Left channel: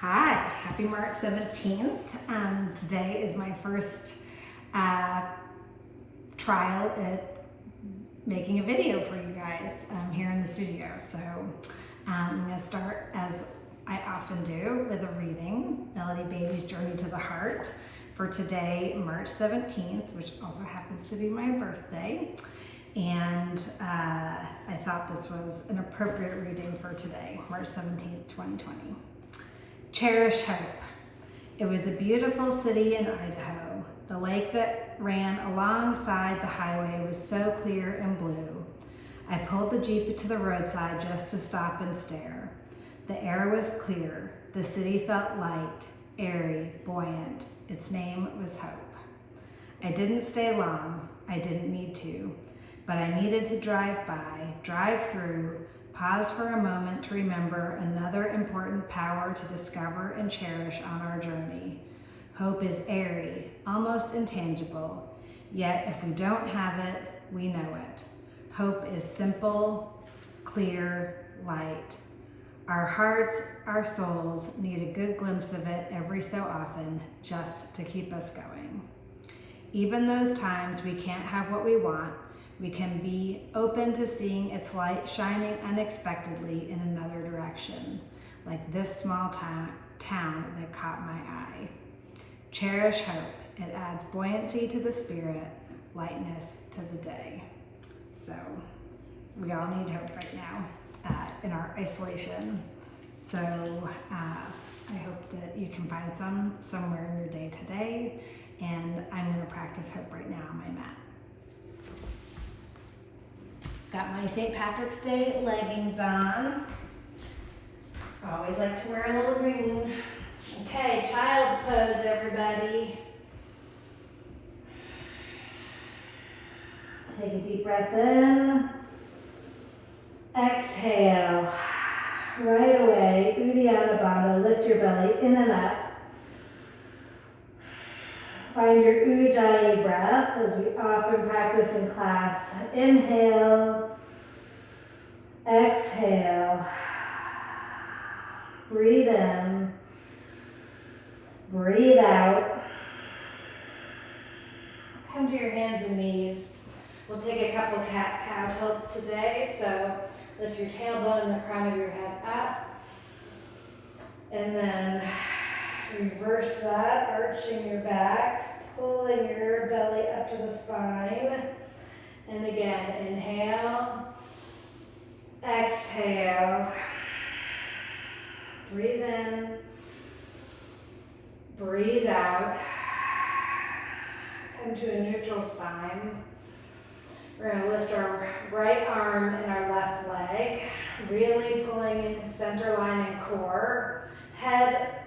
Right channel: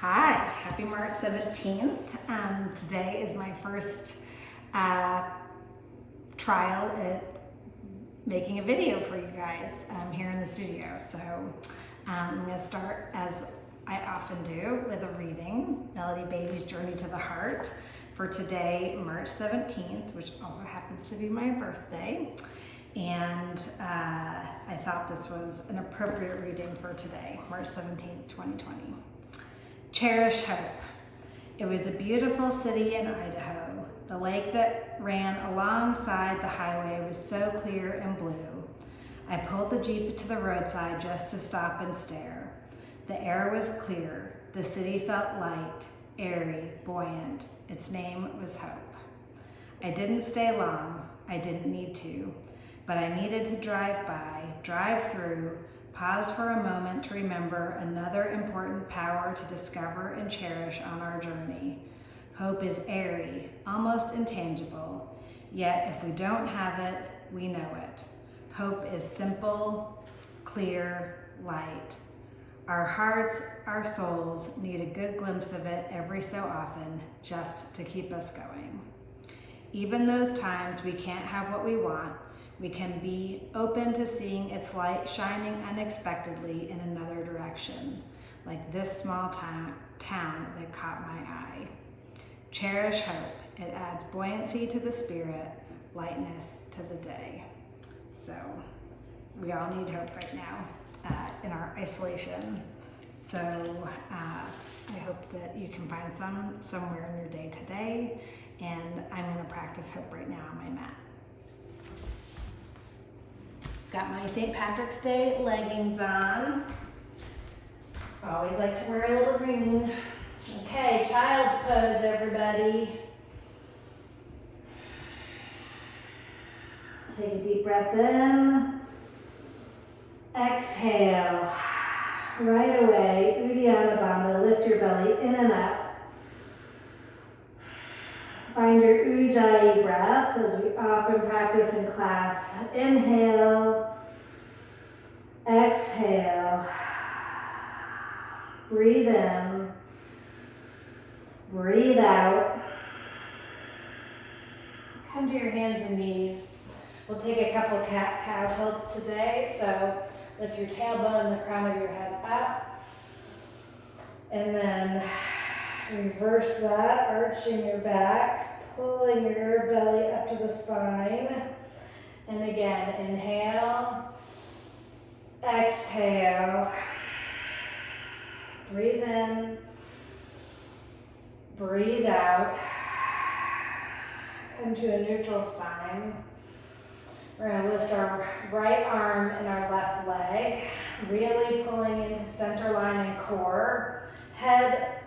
Hi, happy March 17th. Today is my first trial at making a video for you guys here in the studio. So I'm going to start, as I often do, with a reading, Melody Beatty's Journey to the Heart, for today, March 17th, which also happens to be my birthday. And I thought this was an appropriate reading for today, March 17th, 2020. Cherish hope. It was a beautiful city in Idaho. The lake that ran alongside the highway was so clear and blue. I pulled the Jeep to the roadside just to stop and stare. The air was clear. The city felt light, airy, buoyant. Its name was Hope. I didn't stay long. I didn't need to. But I needed to drive by, drive through, pause for a moment to remember another important power to discover and cherish on our journey. Hope is airy, almost intangible, yet if we don't have it, we know it. Hope is simple, clear, light. Our hearts, our souls need a good glimpse of it every so often, just to keep us going. Even those times we can't have what we want, we can be open to seeing its light shining unexpectedly in another direction, like this small town that caught my eye. Cherish hope. It adds buoyancy to the spirit, lightness to the day. So we all need hope right now in our isolation. So I hope that you can find some somewhere in your day today, and I'm going to practice hope right now on my mat. Got my St. Patrick's Day leggings on. Always like to wear a little green. Okay, child's pose, everybody. Take a deep breath in. Exhale. Right away, Uddiyana Bandha, lift your belly in and up. Find your Ujjayi breath, as we often practice in class. Inhale, exhale, breathe in, breathe out. Come to your hands and knees. We'll take a couple of cat-cow tilts today, so lift your tailbone and the crown of your head up. And then reverse that, arching your back, pulling your belly up to the spine. And again, inhale, exhale, breathe in, breathe out. Come to a neutral spine. We're going to lift our right arm and our left leg, really pulling into center line and core. Head,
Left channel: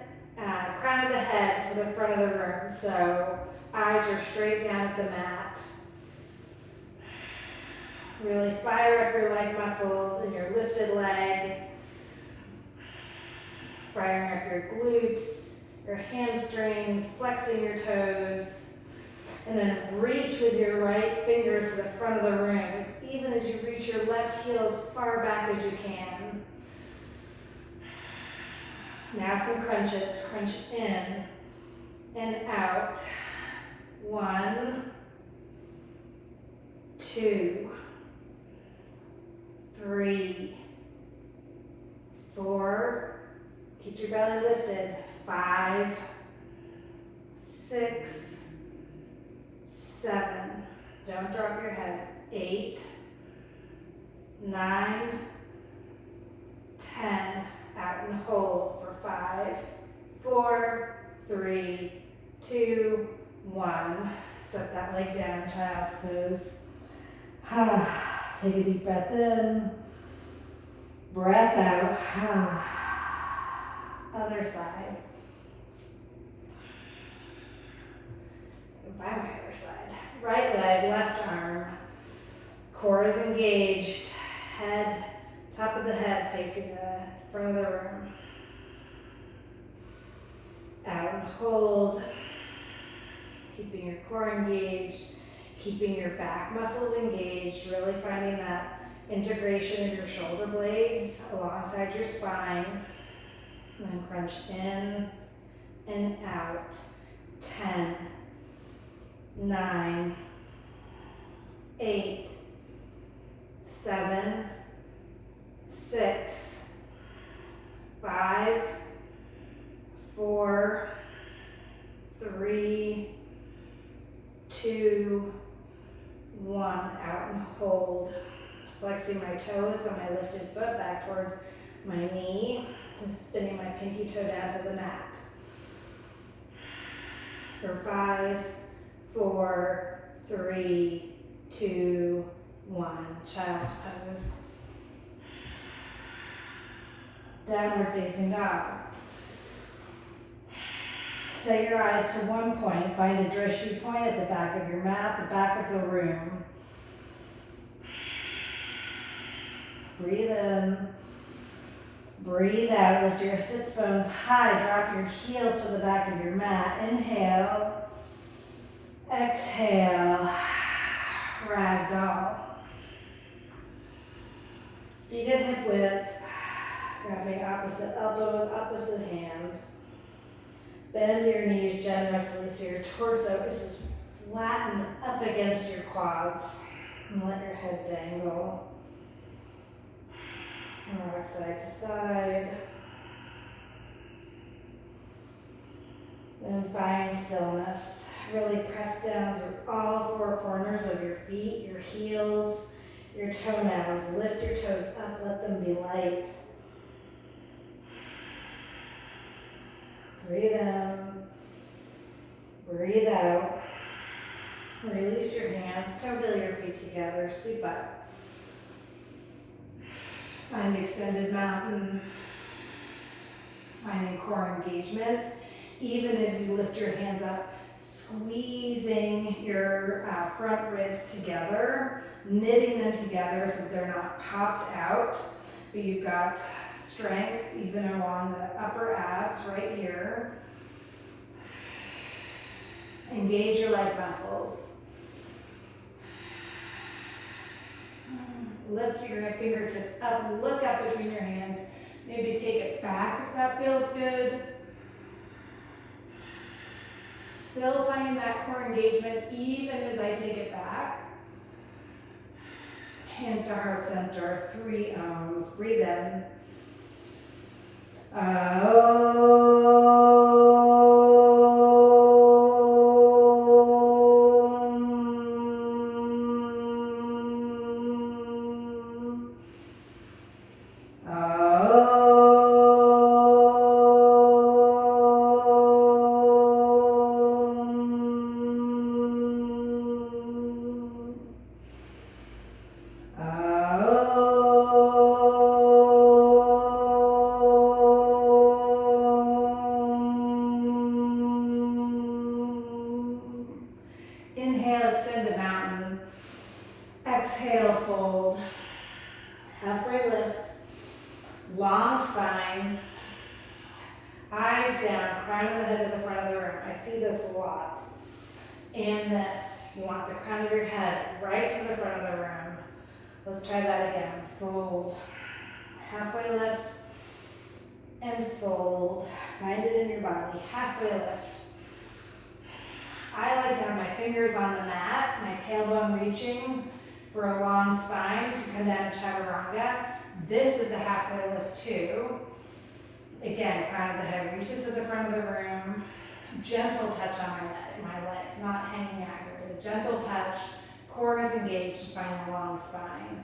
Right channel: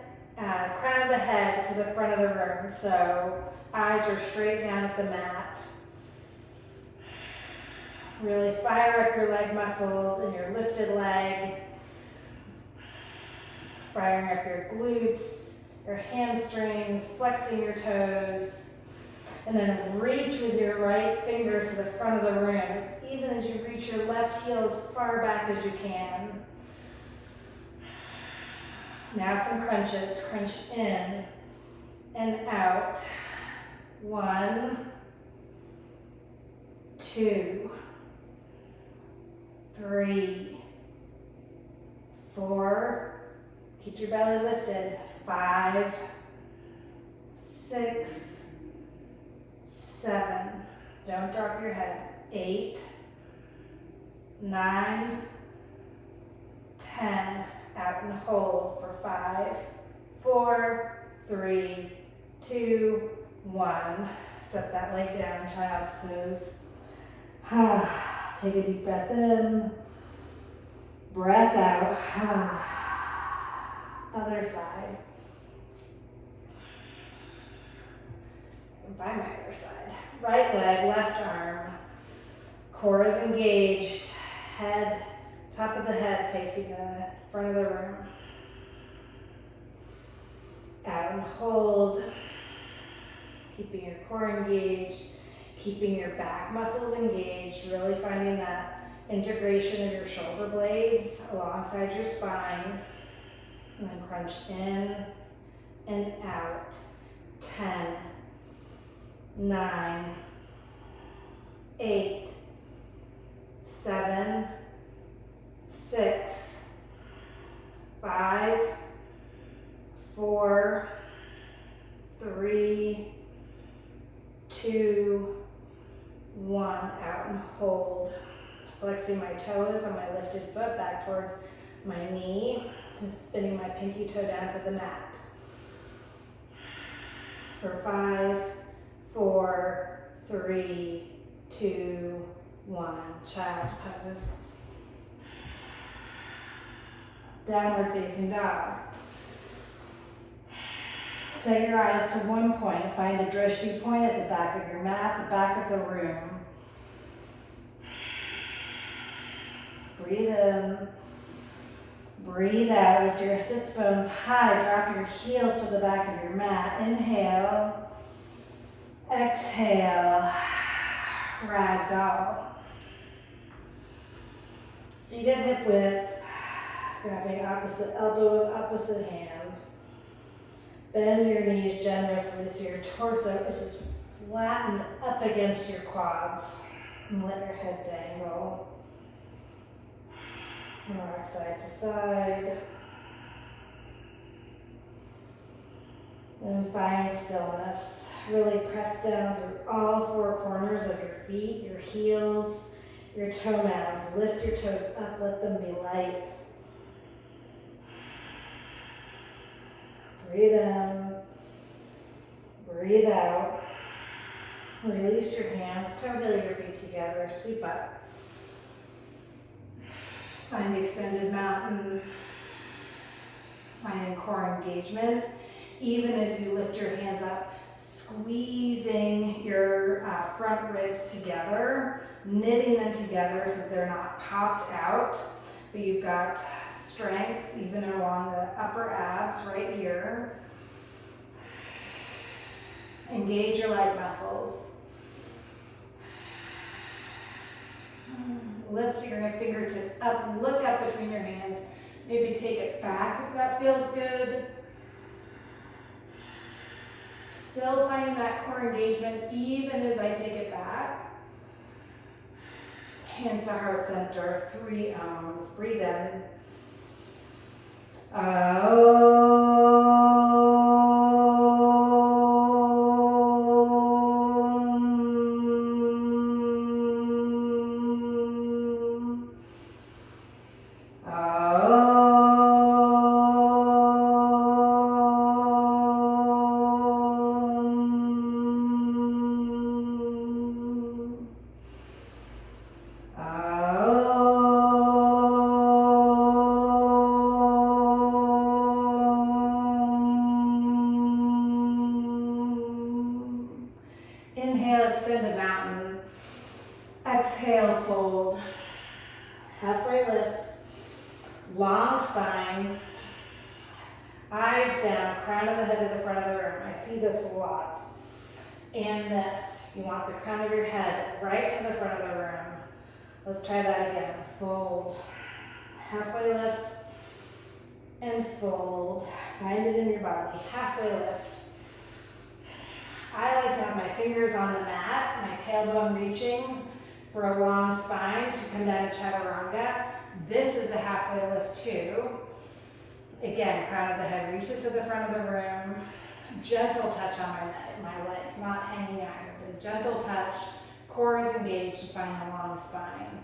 crown of the head to the front of the room, so eyes are straight down at the mat. Really fire up your leg muscles and your lifted leg. Firing up your glutes, your hamstrings, flexing your toes. And then reach with your right fingers to the front of the room, even as you reach your left heel as far back as you can. Now some crunches. Crunch in and out. 1, 2, 3, 4. Keep your belly lifted. 5, 6, 7. Don't drop your head. 8, 9, 10. Out and hold for 5, 4, 3, 2, 1. Set that leg down, child's pose. Take a deep breath in. Breath out. Other side. And by my other side. Right leg, left arm. Core is engaged. Head, top of the head facing the front of the room. Out and hold. Keeping your core engaged. Keeping your back muscles engaged. Really finding that integration of your shoulder blades alongside your spine. And then crunch in and out. 10, 9, 8, 7, 6, 5, 4, 3, 2, 1. Out and hold. Flexing my toes on my lifted foot back toward my knee. And spinning my pinky toe down to the mat. For 5, 4, 3, 2, 1. Child's pose. Downward facing dog. Set your eyes to one point. Find a drishti point at the back of your mat, the back of the room. Breathe in. Breathe out. Lift your sits bones high. Drop your heels to the back of your mat. Inhale. Exhale. Ragdoll. Feet at hip width. Grabbing opposite elbow with opposite hand. Bend your knees generously so your torso is just flattened up against your quads. And let your head dangle. And rock side to side. Then find stillness. Really press down through all four corners of your feet, your heels, your toenails. Lift your toes up, let them be light. Breathe in. Breathe out. Release your hands, toe your feet together, sweep up. Find extended mountain. Finding core engagement. Even as you lift your hands up, squeezing your front ribs together, knitting them together so they're not popped out, but you've got strength even along the upper abs right here. Engage your leg muscles. Lift your fingertips up, look up between your hands. Maybe take it back if that feels good. Still finding that core engagement even as I take it back. Hands to heart center, 3 ohms. Breathe in. Inhale, extend the mountain. Exhale, fold. Halfway lift. Long spine. Eyes down, crown of the head to the front of the room. I see this a lot. And this. You want the crown of your head right to the front of the room. Let's try that again. Fold. Halfway lift. And fold. Find it in your body. Halfway lift. I like to have my fingers on the mat, my tailbone reaching for a long spine to come down to chaturanga. This is a halfway lift too. Again, crown of the head reaches to the front of the room. Gentle touch on my legs, not hanging out here, but a gentle touch. Core is engaged to find the long spine.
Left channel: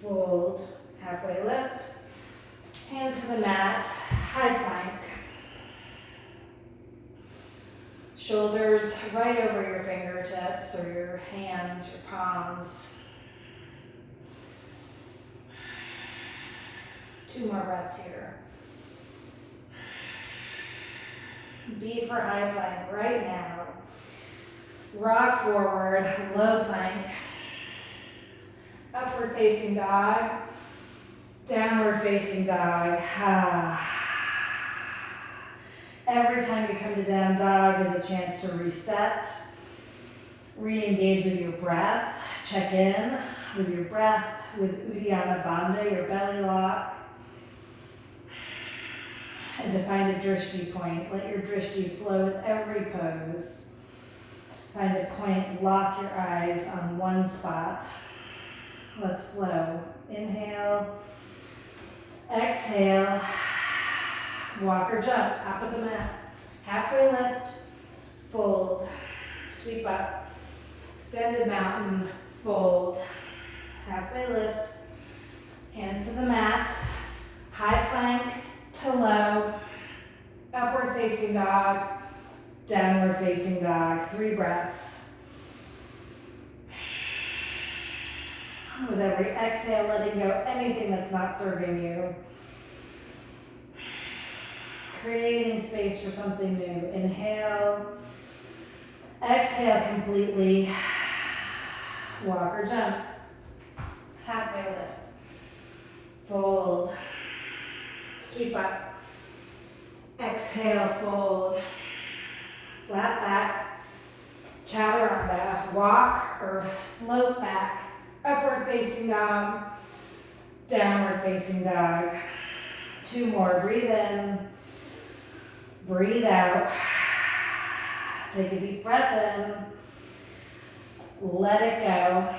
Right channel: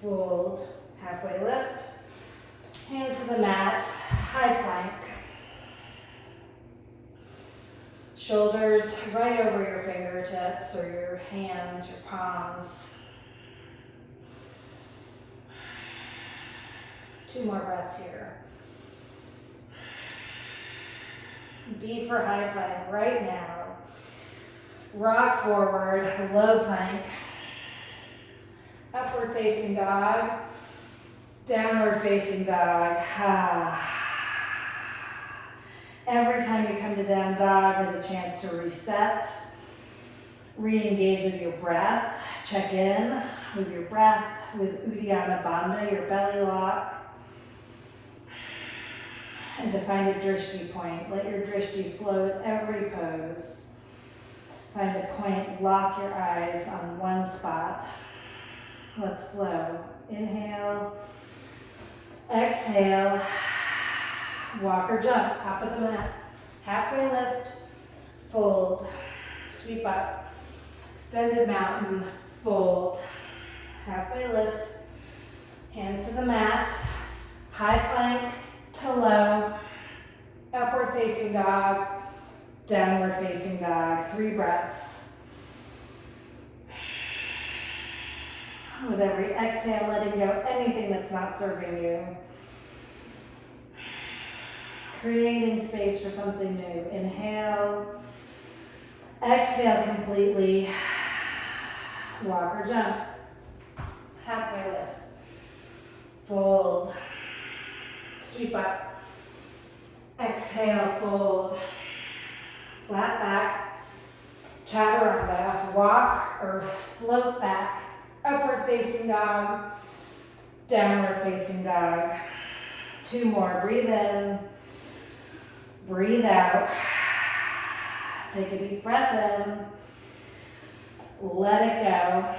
Fold, halfway lift. Hands to the mat, high plank. Shoulders right over your fingertips or your hands, your palms. 2 more breaths here. B for high plank right now. Rock forward, low plank. Upward facing dog. Downward facing dog. Every time you come to down dog is a chance to reset, re-engage with your breath, check in with your breath, with Uddiyana Bandha, your belly lock. and to find a drishti point. Let your drishti flow with every pose. Find a point, lock your eyes on one spot. Let's flow. Inhale, exhale, walk or jump, top of the mat. Halfway lift, fold, sweep up. Extended mountain, fold. Halfway lift, hands to the mat. High plank to low, upward facing dog, downward facing dog. 3 breaths. With every exhale, letting go anything that's not serving you. Creating space for something new. Inhale, exhale completely. Walk or jump. Halfway lift. Fold. Sweep up. Exhale, fold. Flat back. Chaturanga. Walk or float back. Upward facing dog. Downward facing dog. 2 more. Breathe in. Breathe out. Take a deep breath in. Let it go.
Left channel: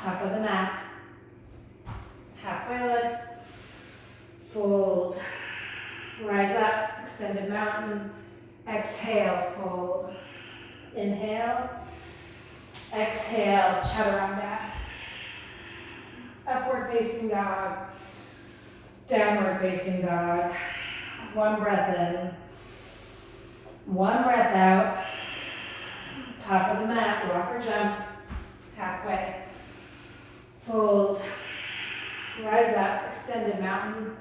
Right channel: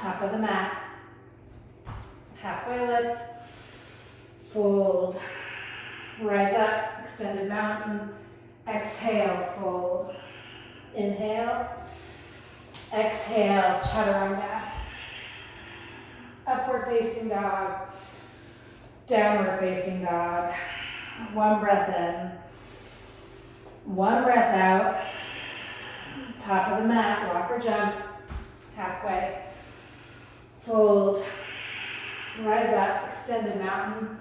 Top of the mat. Halfway lift. Fold. Rise up. Extended mountain. Exhale, fold. Inhale. Exhale, chaturanga. Upward facing dog. Downward facing dog. 1 breath in. 1 breath out. Top of the mat, walk or jump. Halfway. Fold. Rise up, extended mountain.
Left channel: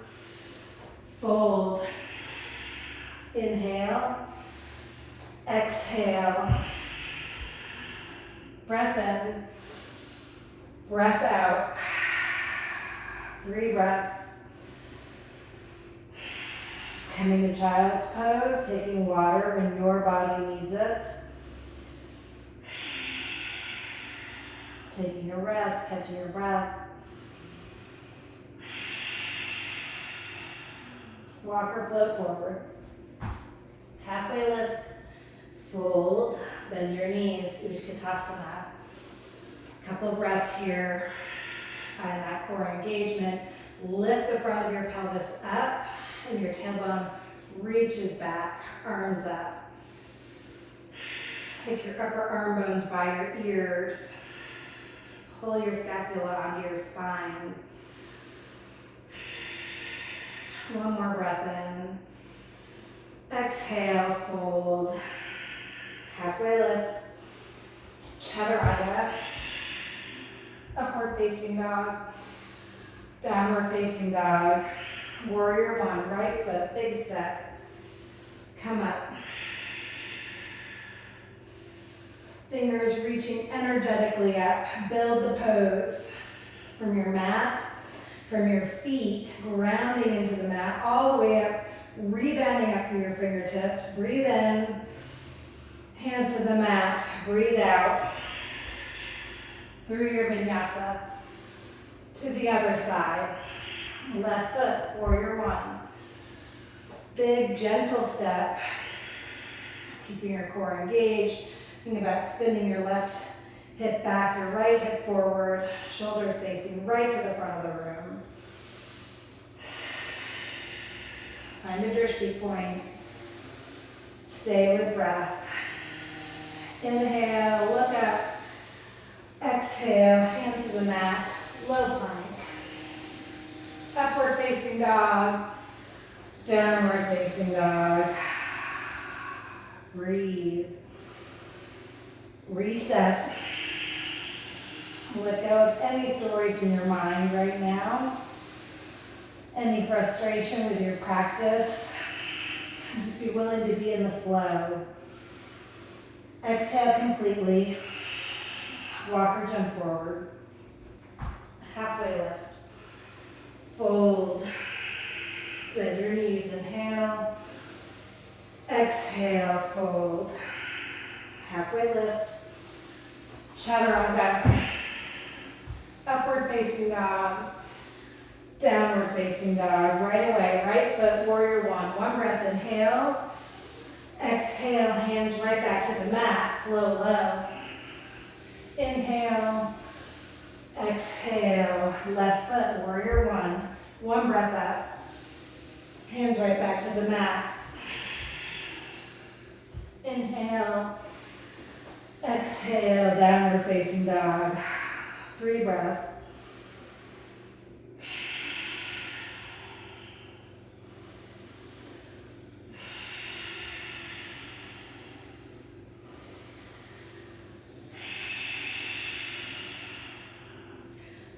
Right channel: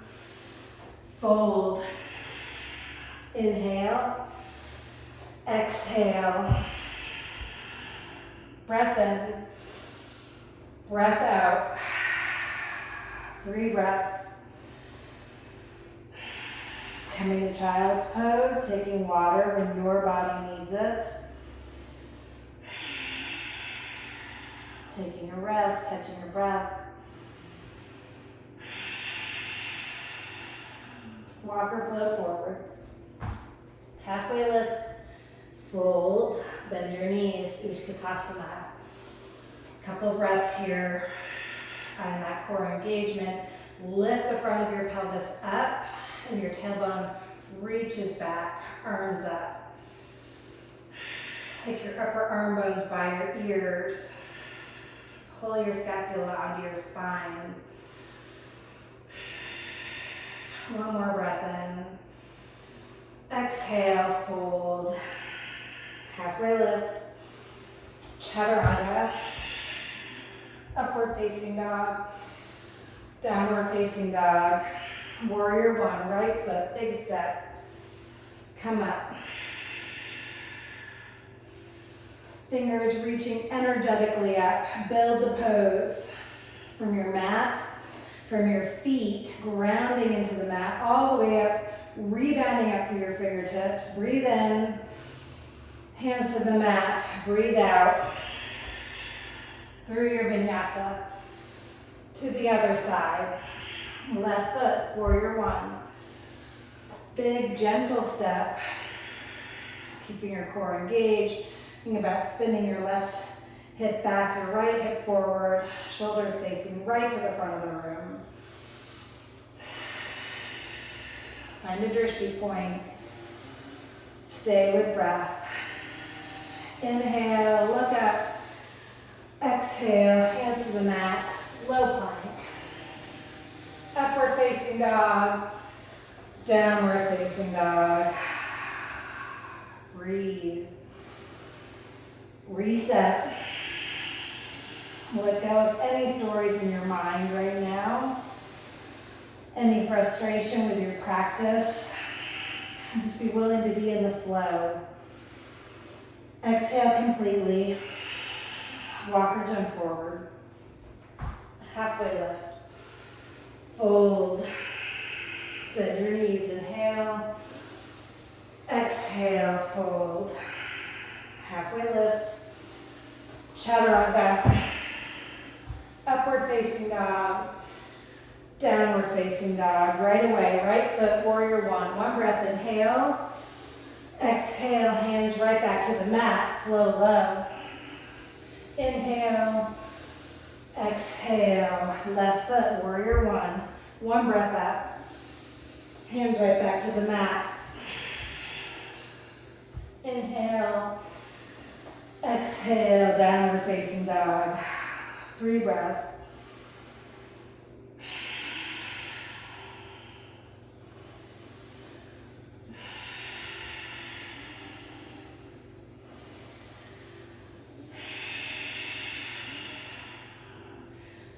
Fold. Inhale. Exhale. Breath in. Breath out. 3 breaths. Coming to child's pose, taking water when your body needs it. Taking a rest, catching your breath. Walk or float forward. Halfway lift, fold, bend your knees, Utkatasana. Couple breaths here. Find that core engagement. Lift the front of your pelvis up. And your tailbone reaches back, arms up. Take your upper arm bones by your ears. Pull your scapula onto your spine. 1 more breath in. Exhale, fold. Halfway lift. Chaturanga. Upward facing dog. Downward facing dog. Warrior 1, right foot, big step. Come up. Fingers reaching energetically up. Build the pose from your mat, from your feet, grounding into the mat, all the way up, rebounding up through your fingertips. Breathe in. Hands to the mat. Breathe out. Through your vinyasa. To the other side. Left foot, warrior 1. Big, gentle step. Keeping your core engaged. Think about spinning your left hip back, your right hip forward, shoulders facing right to the front of the room. Find a drishti point. Stay with breath. Inhale, look up. Exhale, hands to the mat, low plank. Upward facing dog, downward facing dog. Breathe. Reset. Let go of any stories in your mind right now. Any frustration with your practice. Just be willing to be in the flow. Exhale completely. Walk or jump forward. Halfway lift. Fold. Bend your knees. Inhale. Exhale. Fold. Halfway lift. Chaturanga. Upward facing dog. Downward facing dog. Right away, right foot, warrior one. One breath, inhale. Exhale, hands right back to the mat. Flow low. Inhale. Exhale. Left foot, warrior one. One breath up. Hands right back to the mat. Inhale. Exhale, downward facing dog. 3 breaths.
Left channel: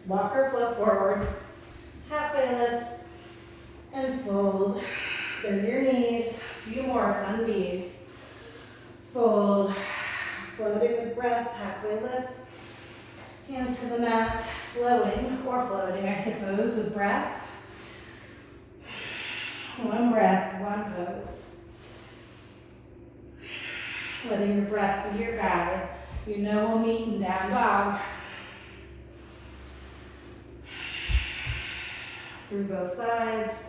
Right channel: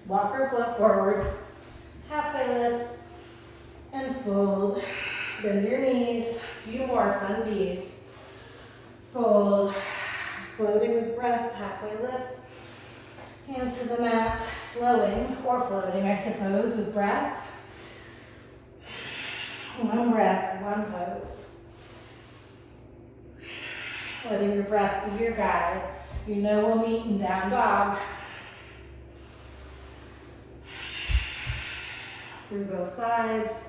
Walk or float forward. Halfway lift and fold. Bend your knees. A few more sun bees. Fold. Floating with breath. Halfway lift. Hands to the mat. Flowing or floating, I suppose, with breath. One breath, one pose. Letting your breath be your guide. You know we'll meet in down dog. Through both sides.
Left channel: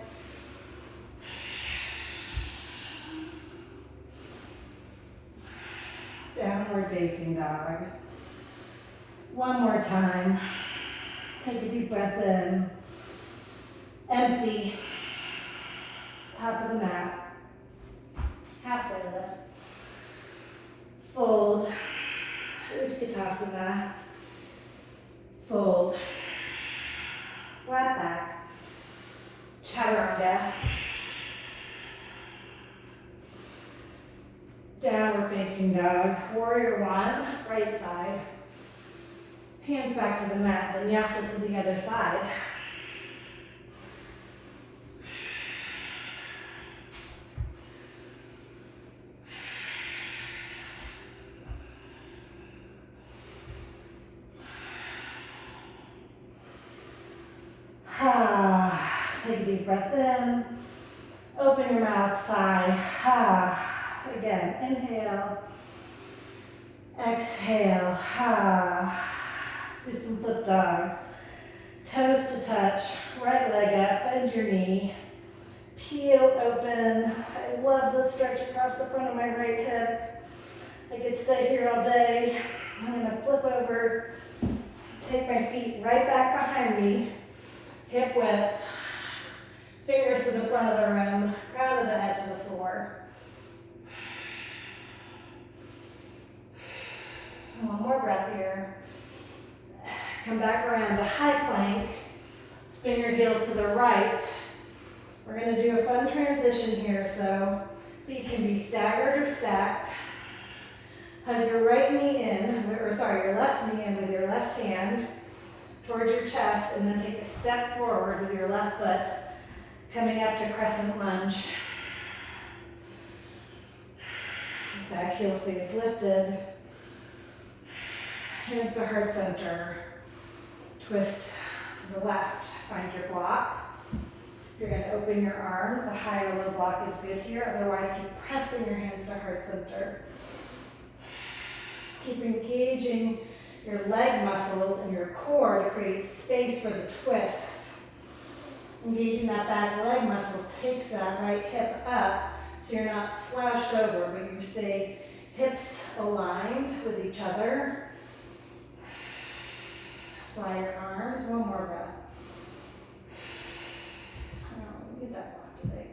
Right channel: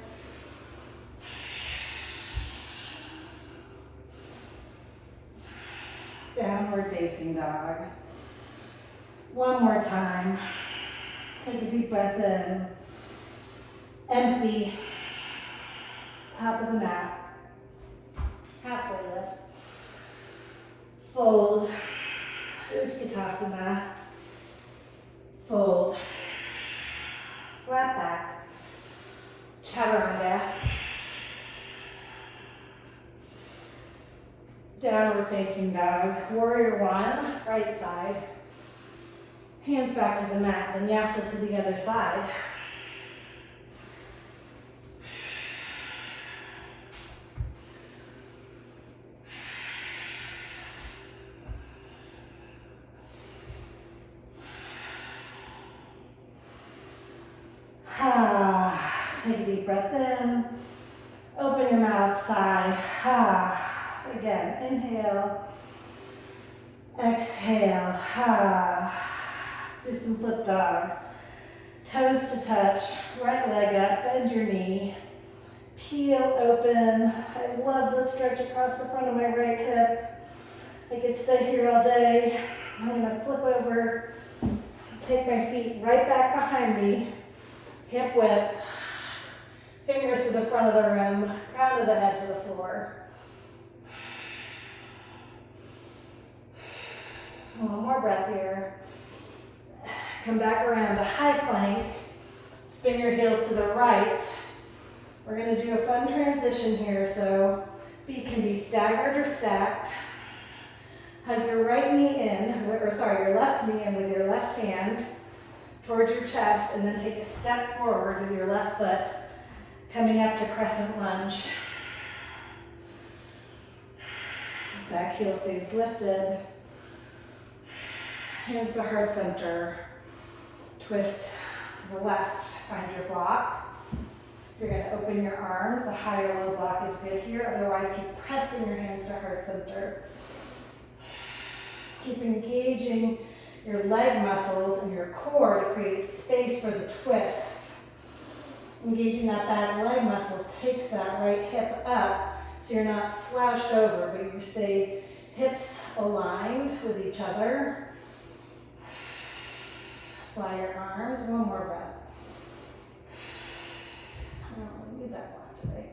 Downward facing dog. One more time. Take a deep breath in. Empty. Top of the mat. Halfway lift. Fold. Utkatasana. Fold. Flat back. Chaturanga. Downward facing dog. Warrior one, right side. Hands back to the mat, vinyasa to the other side. Take a deep breath in. Open your mouth, sigh. Again, inhale. Exhale. Let's do some flip dogs. Toes to touch. Right leg up. Bend your knee. Peel open. I love the stretch across the front of my right hip. I could stay here all day. I'm going to flip over. Take my feet right back behind me. Hip width. Fingers to the front of the room. Crown of the head to the floor. One more breath here. Come back around to high plank. Spin your heels to the right. We're going to do a fun transition here, so feet can be staggered or stacked. Hug your right knee in, your left knee in with your left hand towards your chest, and then take a step forward with your left foot, coming up to crescent lunge. Back heel stays lifted. Hands to heart center. Twist to the left. Find your block. If you're going to open your arms, a high or low block is good here. Otherwise, keep pressing your hands to heart center. Keep engaging your leg muscles and your core to create space for the twist. Engaging that back leg muscles takes that right hip up so you're not slouched over, but you stay hips aligned with each other. Fly your arms. One more breath. Oh, need that block today.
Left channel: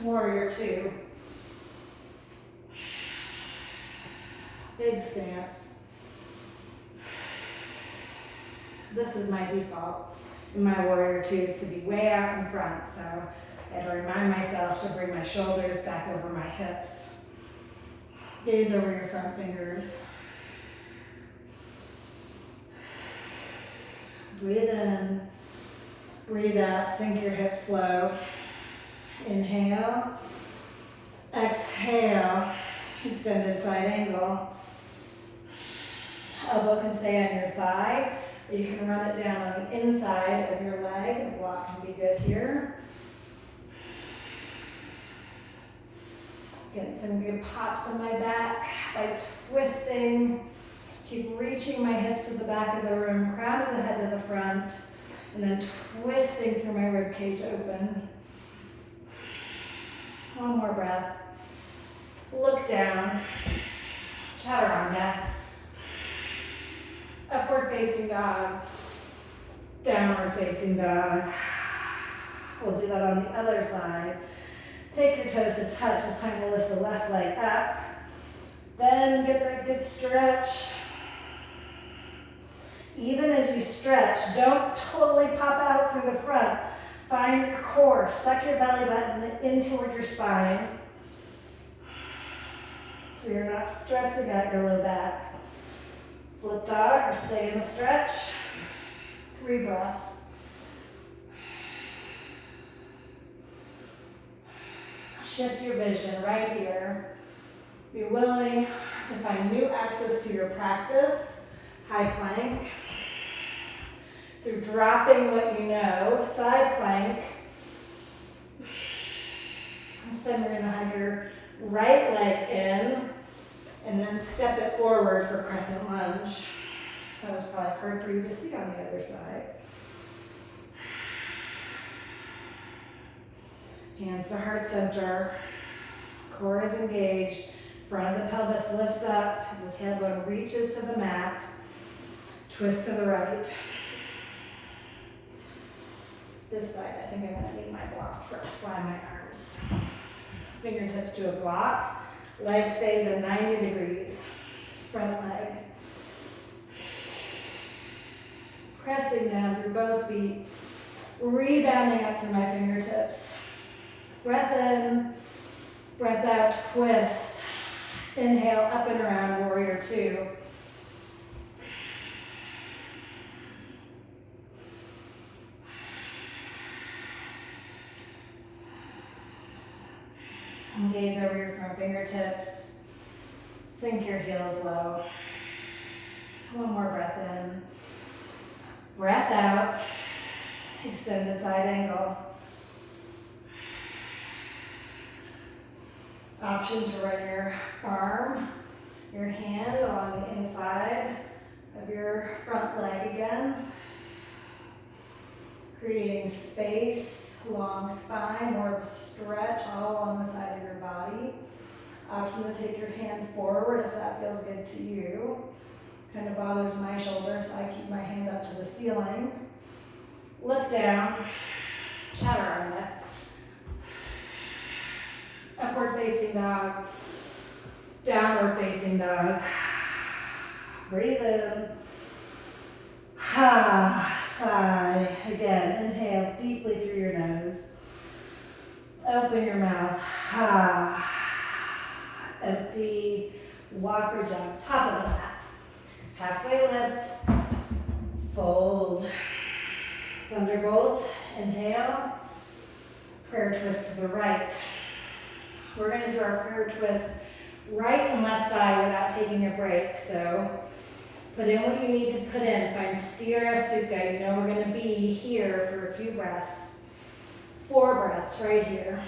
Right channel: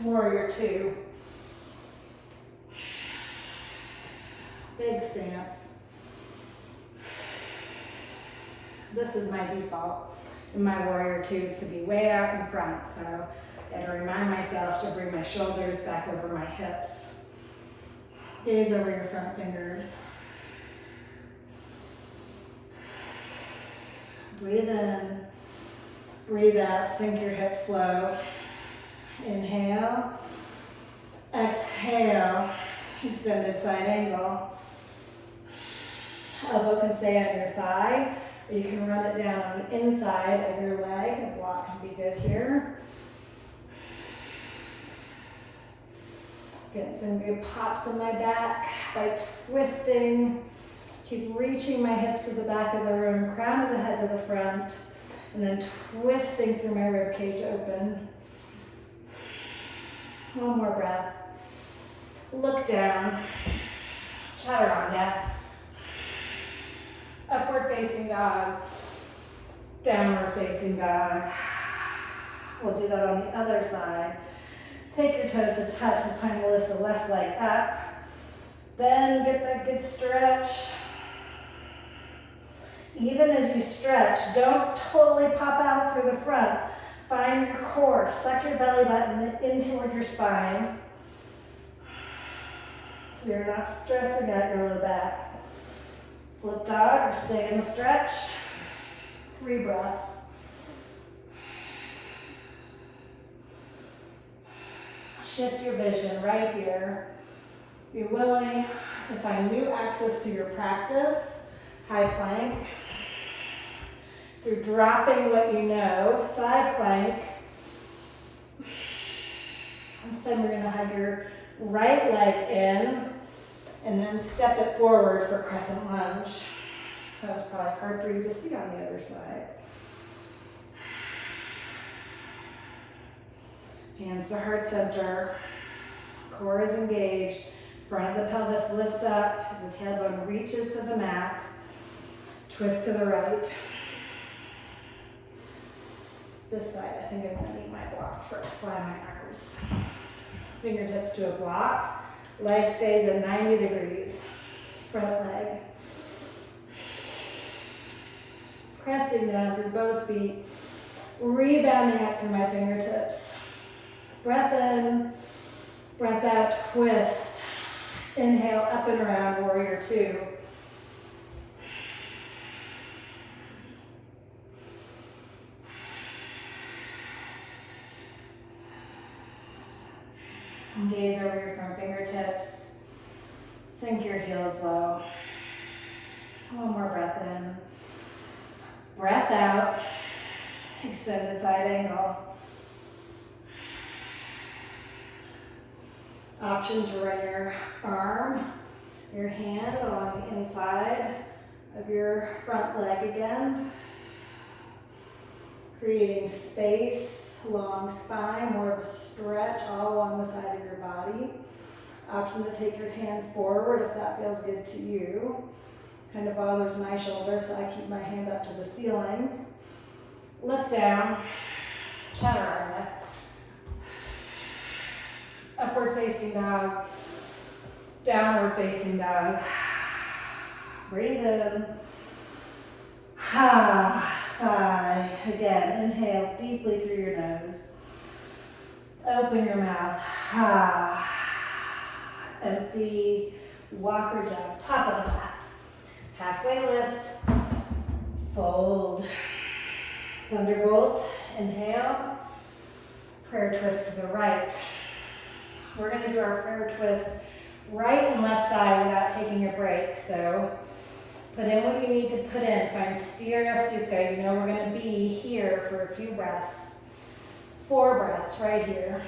Warrior two. Big stance. This is my default in my warrior two, is to be way out in front. So I had to remind myself to bring my shoulders back over my hips. Gaze over your front fingers. Breathe in, breathe out, sink your hips low. Inhale, exhale, extended side angle. Elbow can stay on your thigh, or you can run it down on the inside of your leg. The block can be good here. Getting some good pops in my back by twisting. Keep reaching my hips to the back of the room, crown of the head to the front. And then twisting through my rib cage open. One more breath. Look down. Chaturanga. Upward facing dog. Downward facing dog. We'll do that on the other side. Take your toes to touch. It's time to lift the left leg up. Then get that good stretch. Even as you stretch, don't totally pop out through the front. Find your core. Suck your belly button in toward your spine. So you're not stressing out your low back. Flip dog or stay in the stretch. 3 breaths. Shift your vision right here. Be willing to find new access to your practice. High plank. Through dropping what you know, side plank. This time we're going to have your right leg in and then step it forward for crescent lunge. That was probably hard for you to see on the other side. Hands to heart center. Core is engaged. Front of the pelvis lifts up as the tailbone reaches to the mat. Twist to the right. This side, I think I'm going to need my block for fly my arms. Fingertips to a block. Leg stays at 90 degrees. Front leg. Pressing down through both feet. Rebounding up through my fingertips. Breath in. Breath out. Twist. Inhale up and around, warrior 2. Gaze over your front fingertips. Sink your heels low. One more breath in. Breath out. Extended side angle. Option to run your arm, your hand along the inside of your front leg again. Creating space. Long spine, more of a stretch all along the side of your body. Option to take your hand forward if that feels good to you. Kind of bothers my shoulder, so I keep my hand up to the ceiling. Look down, chaturanga. Upward facing dog, downward facing dog. Breathe in. Sigh. Again, inhale deeply through your nose. Open your mouth. Empty. Walker jump. Top of the mat. Halfway lift. Fold. Thunderbolt. Inhale. Prayer twist to the right. We're going to do our prayer twist right and left side without taking a break. So put in what you need to put in. Find Sthira Sukha. You know we're going to be here for a few breaths. 4 breaths right here.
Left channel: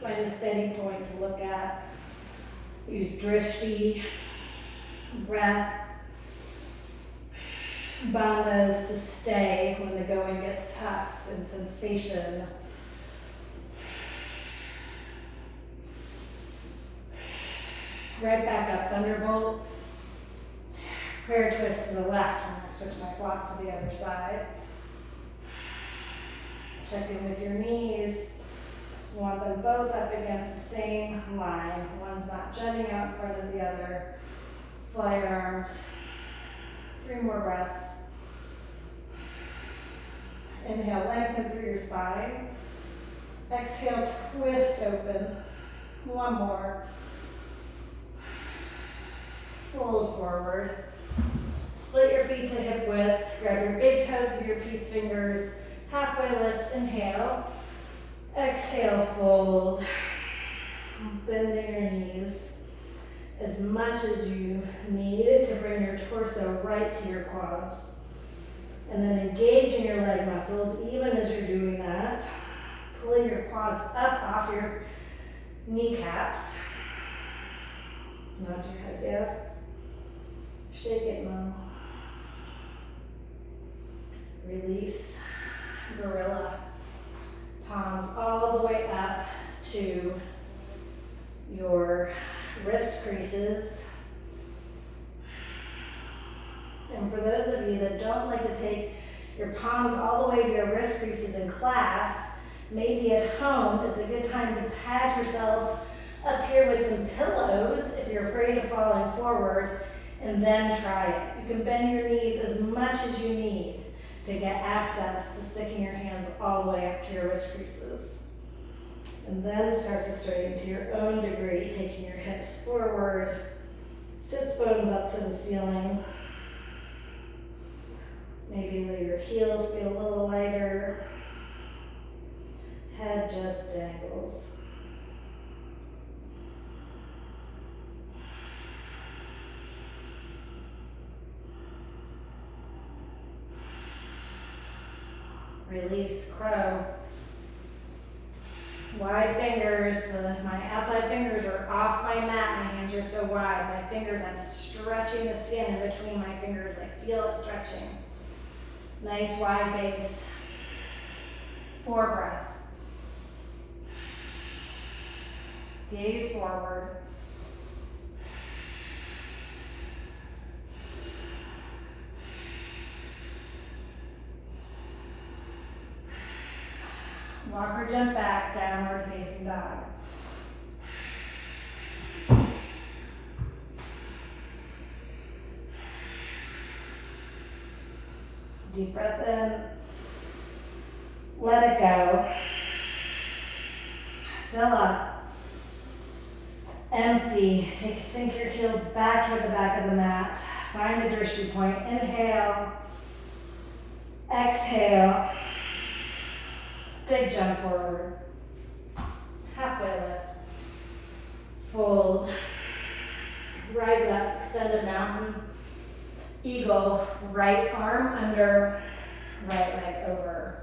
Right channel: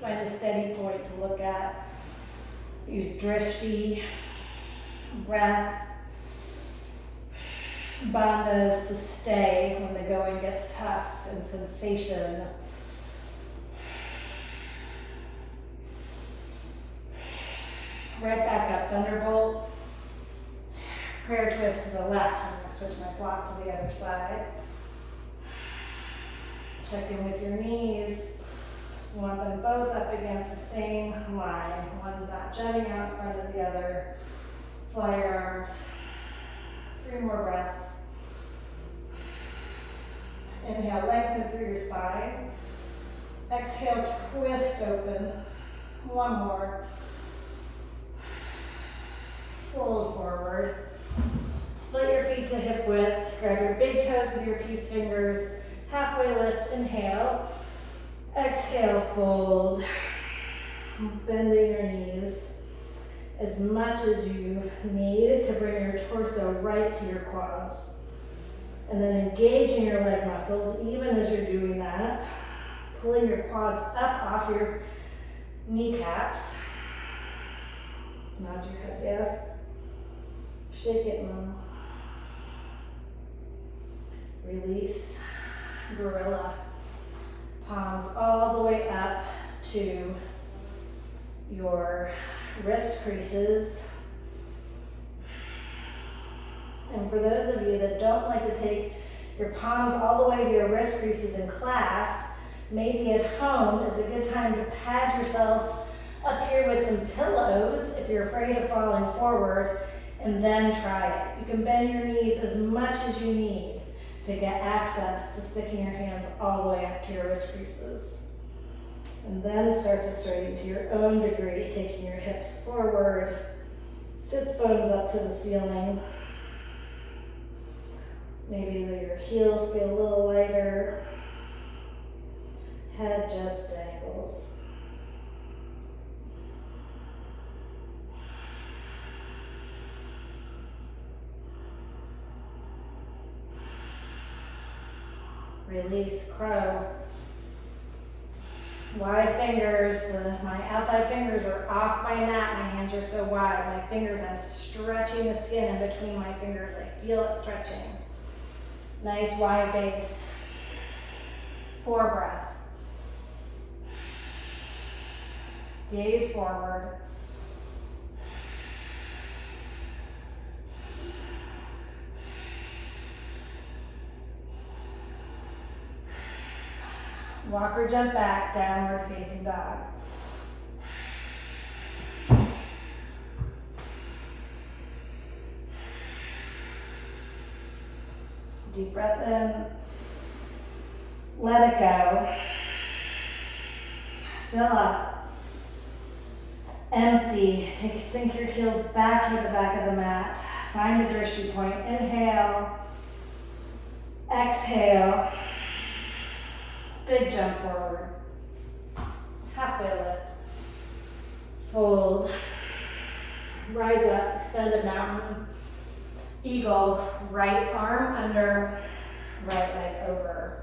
Find a steady point to look at. Use drishti, breath, bandhas to stay when the going gets tough, and sensation. Right back up, thunderbolt. Prayer twist to the left. I'm going to switch my block to the other side. Check in with your knees. You want them both up against the same line. One's not jutting out in front of the other. Fly your arms. 3 more breaths. Inhale, lengthen through your spine. Exhale, twist open. 1 more. Fold forward. Split your feet to hip width. Grab your big toes with your peace fingers. Halfway lift, inhale. Exhale, fold. Bending your knees as much as you need to bring your torso right to your quads. And then engaging your leg muscles, even as you're doing that. Pulling your quads up off your kneecaps. Nod your head, yes. Shake it low. Release. Gorilla. Palms all the way up to your wrist creases. And for those of you that don't like to take your palms all the way to your wrist creases in class, maybe at home is a good time to pad yourself up here with some pillows if you're afraid of falling forward, and then try it. You can bend your knees as much as you need to get access to sticking your hands all the way up to your wrist creases. And then start to straighten to your own degree, taking your hips forward, sits bones up to the ceiling. Maybe let your heels feel a little lighter. Head just dangles. Release, crow. Wide fingers. My outside fingers are off my mat. My hands are so wide. My fingers, I'm stretching the skin in between my fingers. I feel it stretching. Nice wide base. 4 breaths. Gaze forward. Walk or jump back, downward facing dog. Deep breath in. Let it go. Fill up. Empty. Sink your heels back toward the back of the mat. Find the drishti point. Inhale. Exhale. Big jump forward. Halfway lift. Fold. Rise up. Extended mountain. Eagle. Right arm under. Right leg over.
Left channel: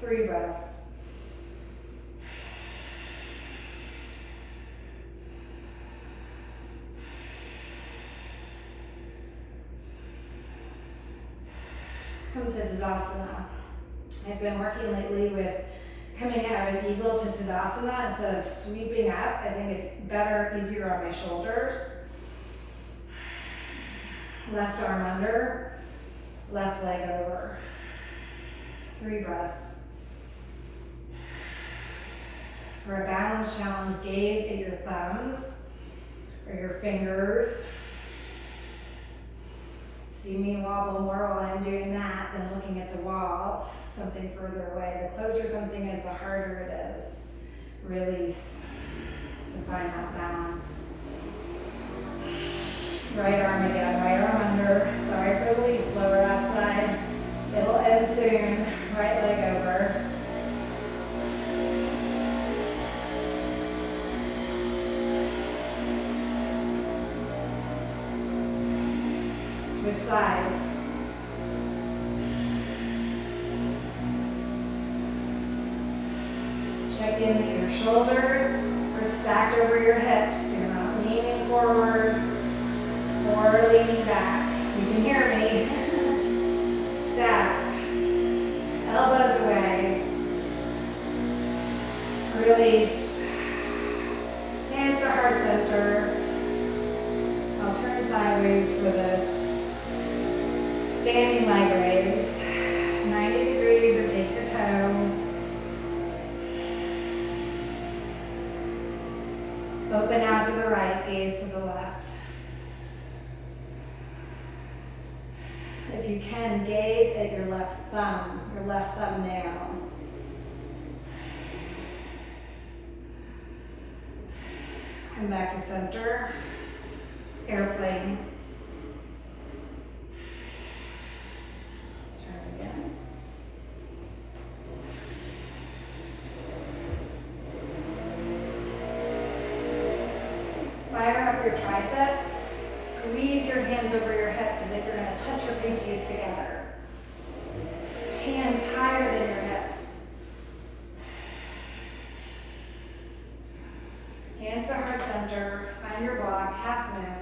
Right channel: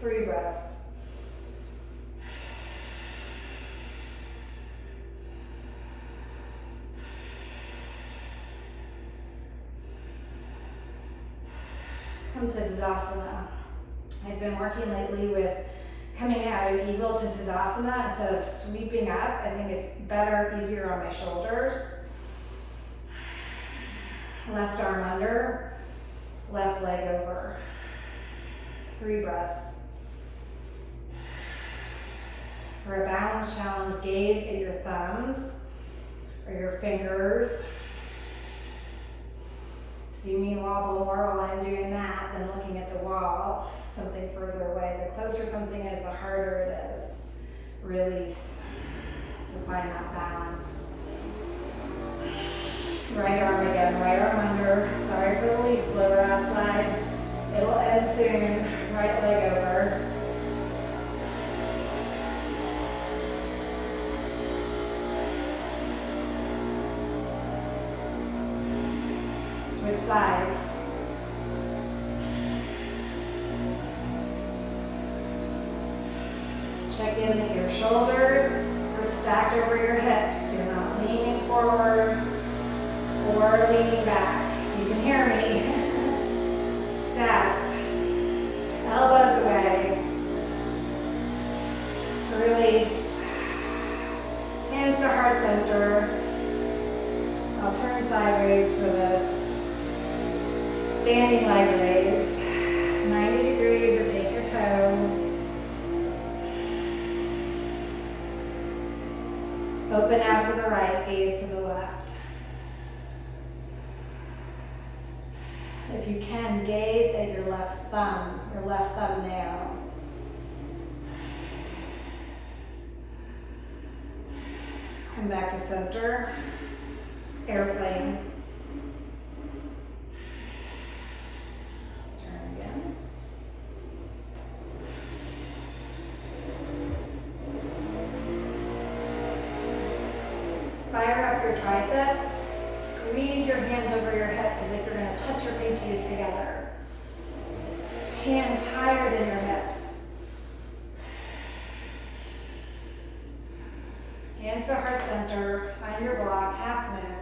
3 breaths. Come to Tadasana. I've been working lately with coming out of Eagle to Tadasana instead of sweeping up. I think it's better, easier on my shoulders. Left arm under, left leg over. 3 breaths. For a balance challenge, gaze at your thumbs or your fingers. See me wobble more while I'm doing that than looking at the wall, something further away. The closer something is, the harder it is. Release to find that balance. Right arm again, right arm under. Sorry for the leaf blower outside. It'll end soon. Right leg over. Switch sides. Check in that your shoulders are stacked over your hips. You're not leaning forward or leaning back. You can hear me. Stacked. Elbows away. Release. Hands to heart center. I'll turn sideways for this. Standing leg raise, 90 degrees or take your toe. Open out to the right, gaze to the left. If you can, gaze at your left thumb, your left thumbnail. Come back to center, airplane. Fire up your triceps. Squeeze your hands over your hips as if you're going to touch your pinkies together. Hands higher than your hips. Hands to heart center. Find your block, half moon.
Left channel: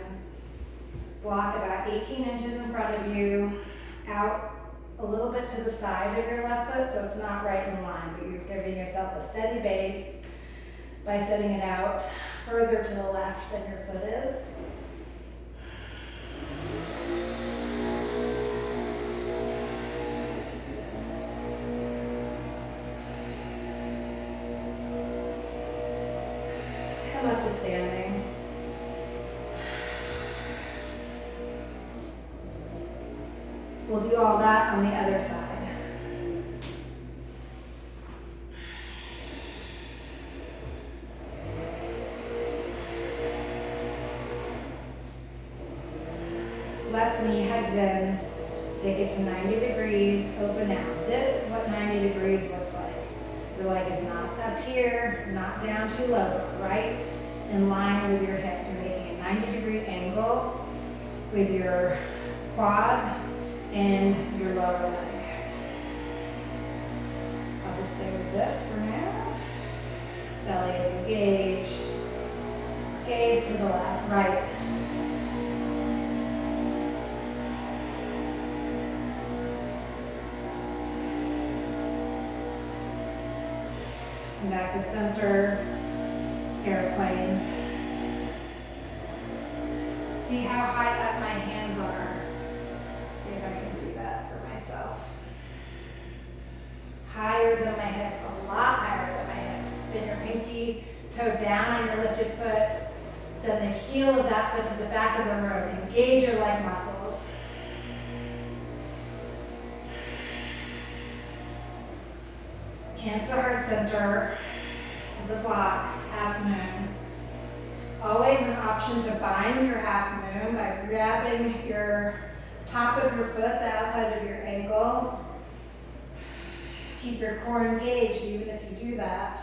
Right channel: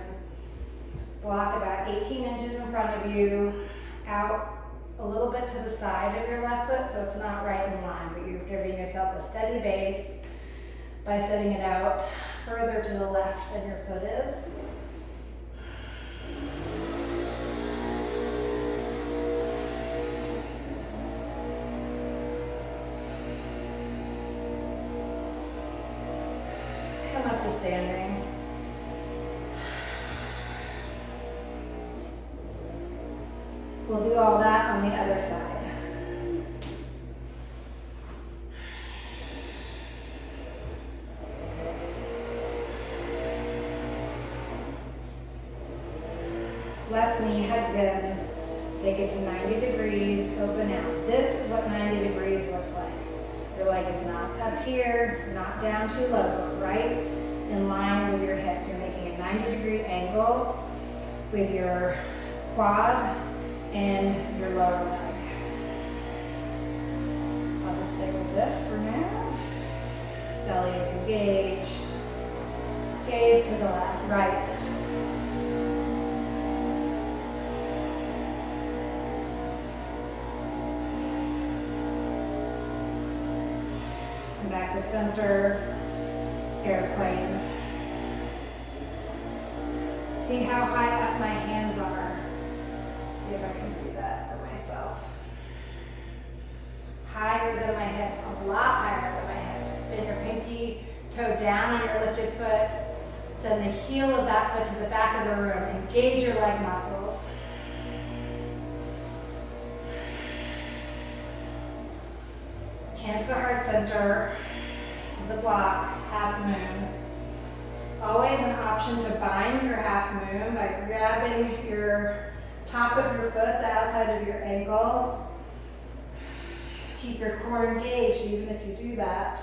Block about 18 inches in front of you, out a little bit to the side of your left foot so it's not right in line, but you're giving yourself a steady base by setting it out further to the left than your foot is. Come up to standing. We'll do all that on the other side. Left knee hugs in, take it to 90 degrees, open out. This is what 90 degrees looks like. Your leg is not up here, not down too low, but right in line with your hips. You're making a 90-degree angle with your quad and your lower leg. I'll just stay with this for now. Belly is engaged. Gaze to the left, right. Come back to center, airplane. See how high up my hands are. See if I can see that for myself. Higher than my hips, a lot higher than my hips. Spin your pinky toe down on your lifted foot. Send the heel of that foot to the back of the room. Engage your leg muscles. Hands to heart center, to the block, half moon. Always an option to bind your half moon by grabbing your top of your foot, the outside of your ankle. Keep your core engaged even if you do that.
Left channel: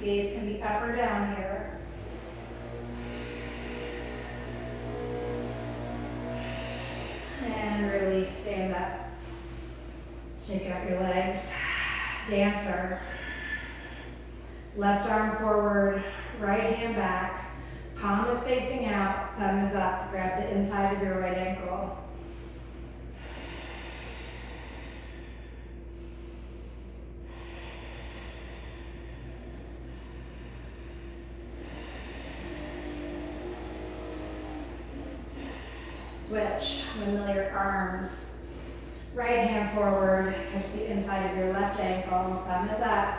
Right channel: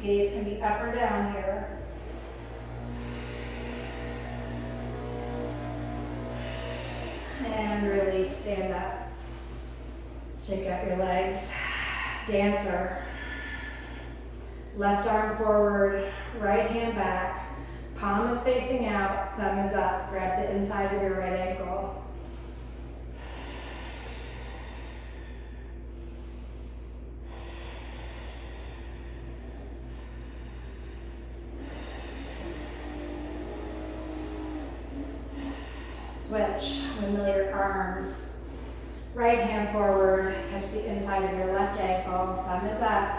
Gaze can be up or down here. And release, stand up. Shake out your legs. Dancer. Left arm forward, right hand back. Palm is facing out, thumb is up. Grab the inside of your right ankle. Switch, windmill your arms. Right hand forward, catch the inside of your left ankle, thumb is up.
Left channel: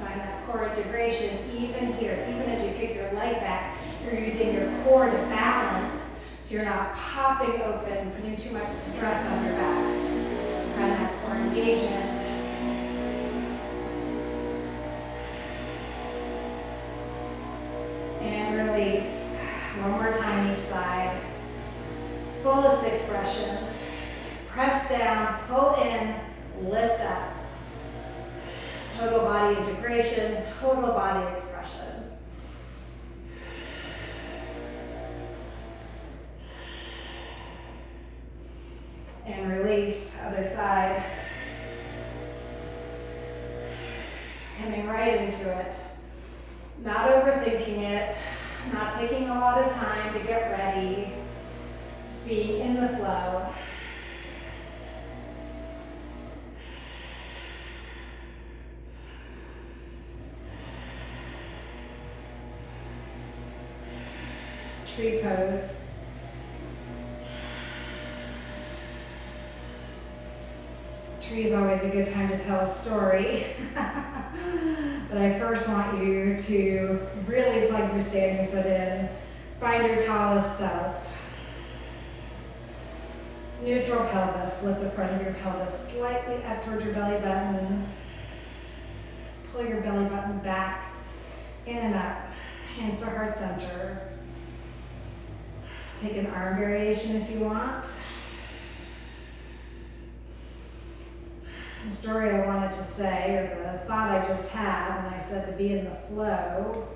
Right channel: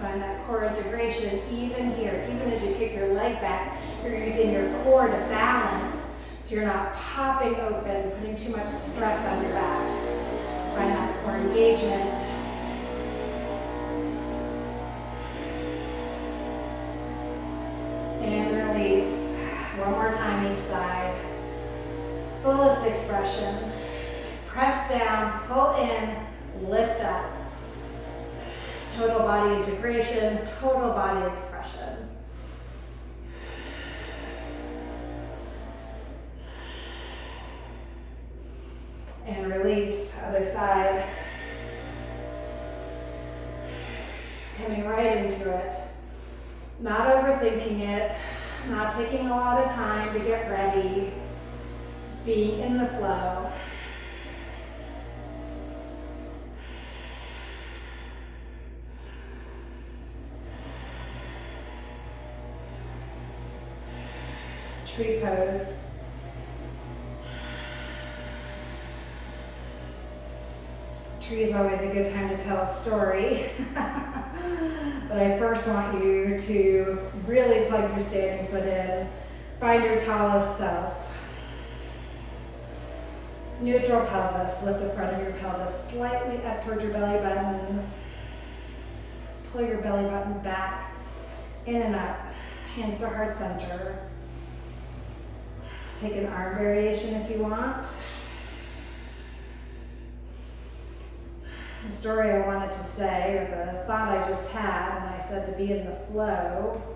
Find that core integration even here, even as you kick your leg back, you're using your core to balance so you're not popping open, putting too much stress on your back. Find that core engagement. And release. One more time each side. Fullest expression. Press down, pull in, lift up. Total body integration, total body expression. And release, other side. Coming right into it. Not overthinking it, not taking a lot of time to get ready. Just being in the flow. Tree pose. Tree is always a good time to tell a story. But I first want you to really plug your standing foot in. Find your tallest self. Neutral pelvis. Lift the front of your pelvis slightly up towards your belly button. Pull your belly button back, in and up. Hands to heart center. Take an arm variation if you want. The story I wanted to say, or the thought I just had when I said to be in the flow,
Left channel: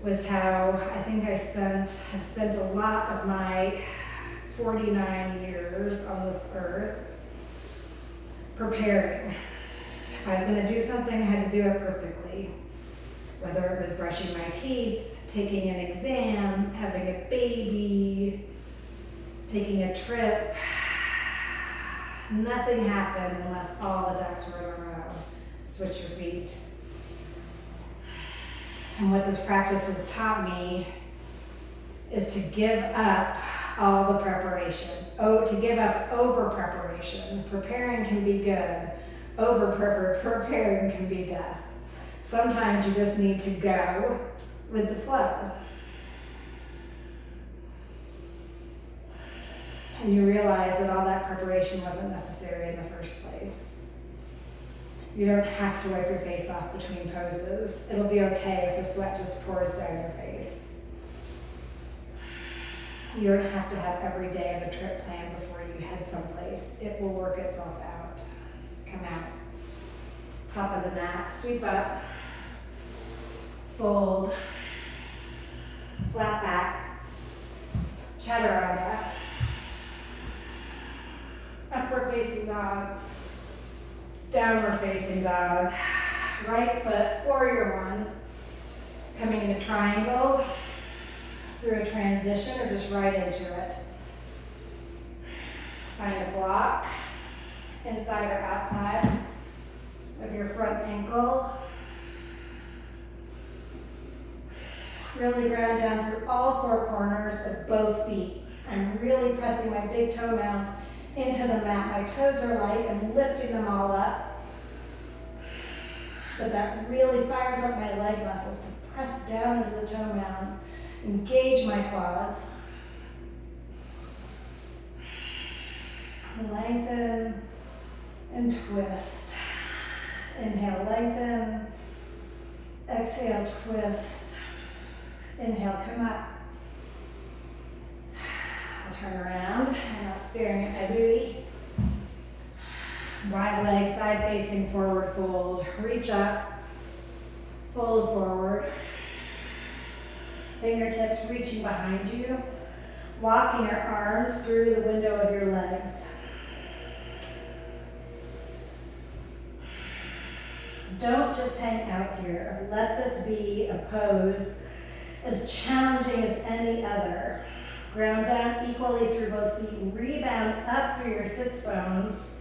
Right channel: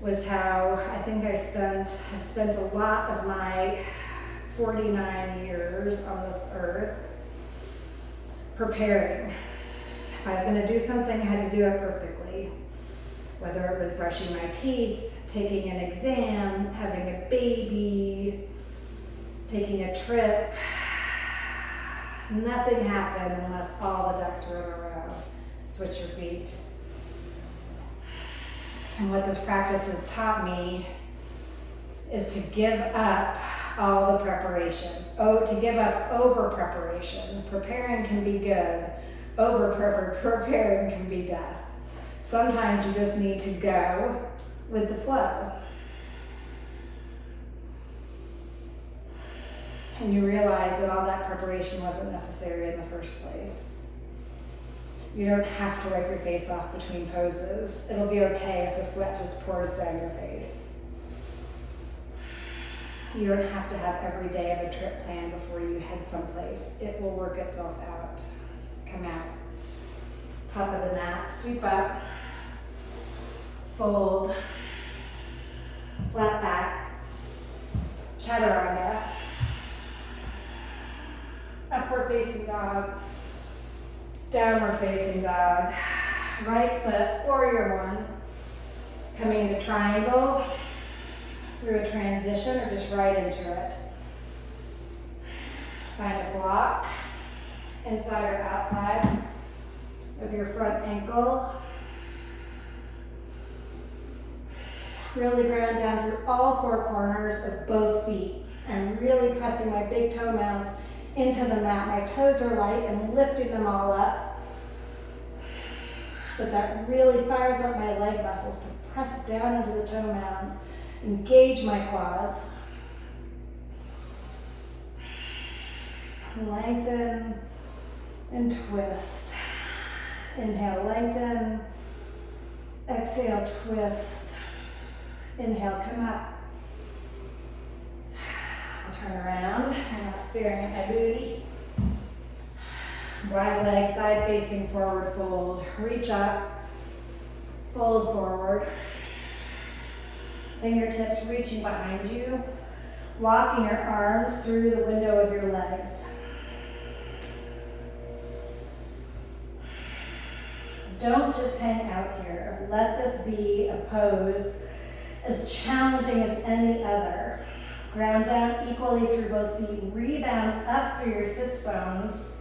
was how I think have spent a lot of my 49 years on this earth preparing. If I was going to do something, I had to do it perfectly. Whether it was brushing my teeth, taking an exam, having a baby, taking a trip, nothing happened unless all the ducks were in a row. Switch your feet. And what this practice has taught me is to give up all the preparation. To give up over preparation. Preparing can be good. Preparing can be death. Sometimes you just need to go with the flow. And you realize that all that preparation wasn't necessary in the first place. You don't have to wipe your face off between poses. It'll be okay if the sweat just pours down your face. You don't have to have every day of a trip planned before you head someplace. It will work itself out. Come out. Top of the mat, sweep up, fold, flat back, chaturanga, upward facing dog, downward facing dog, right foot, warrior one, coming into triangle, through a transition or just right into it. Find a block, inside or outside of your front ankle. Really ground down through all four corners of both feet. I'm really pressing my big toe mounds into the mat. My toes are light. I'm lifting them all up. But that really fires up my leg muscles to press down into the toe mounds. Engage my quads. Lengthen and twist. Inhale, lengthen. Exhale, twist. Inhale, come up. I'll turn around. I'm not staring at my booty. Wide leg, side facing, forward fold. Reach up. Fold forward. Fingertips reaching behind you. Walking your arms through the window of your legs. Don't just hang out here. Let this be a pose as challenging as any other. Ground down equally through both feet. Rebound up through your sits bones.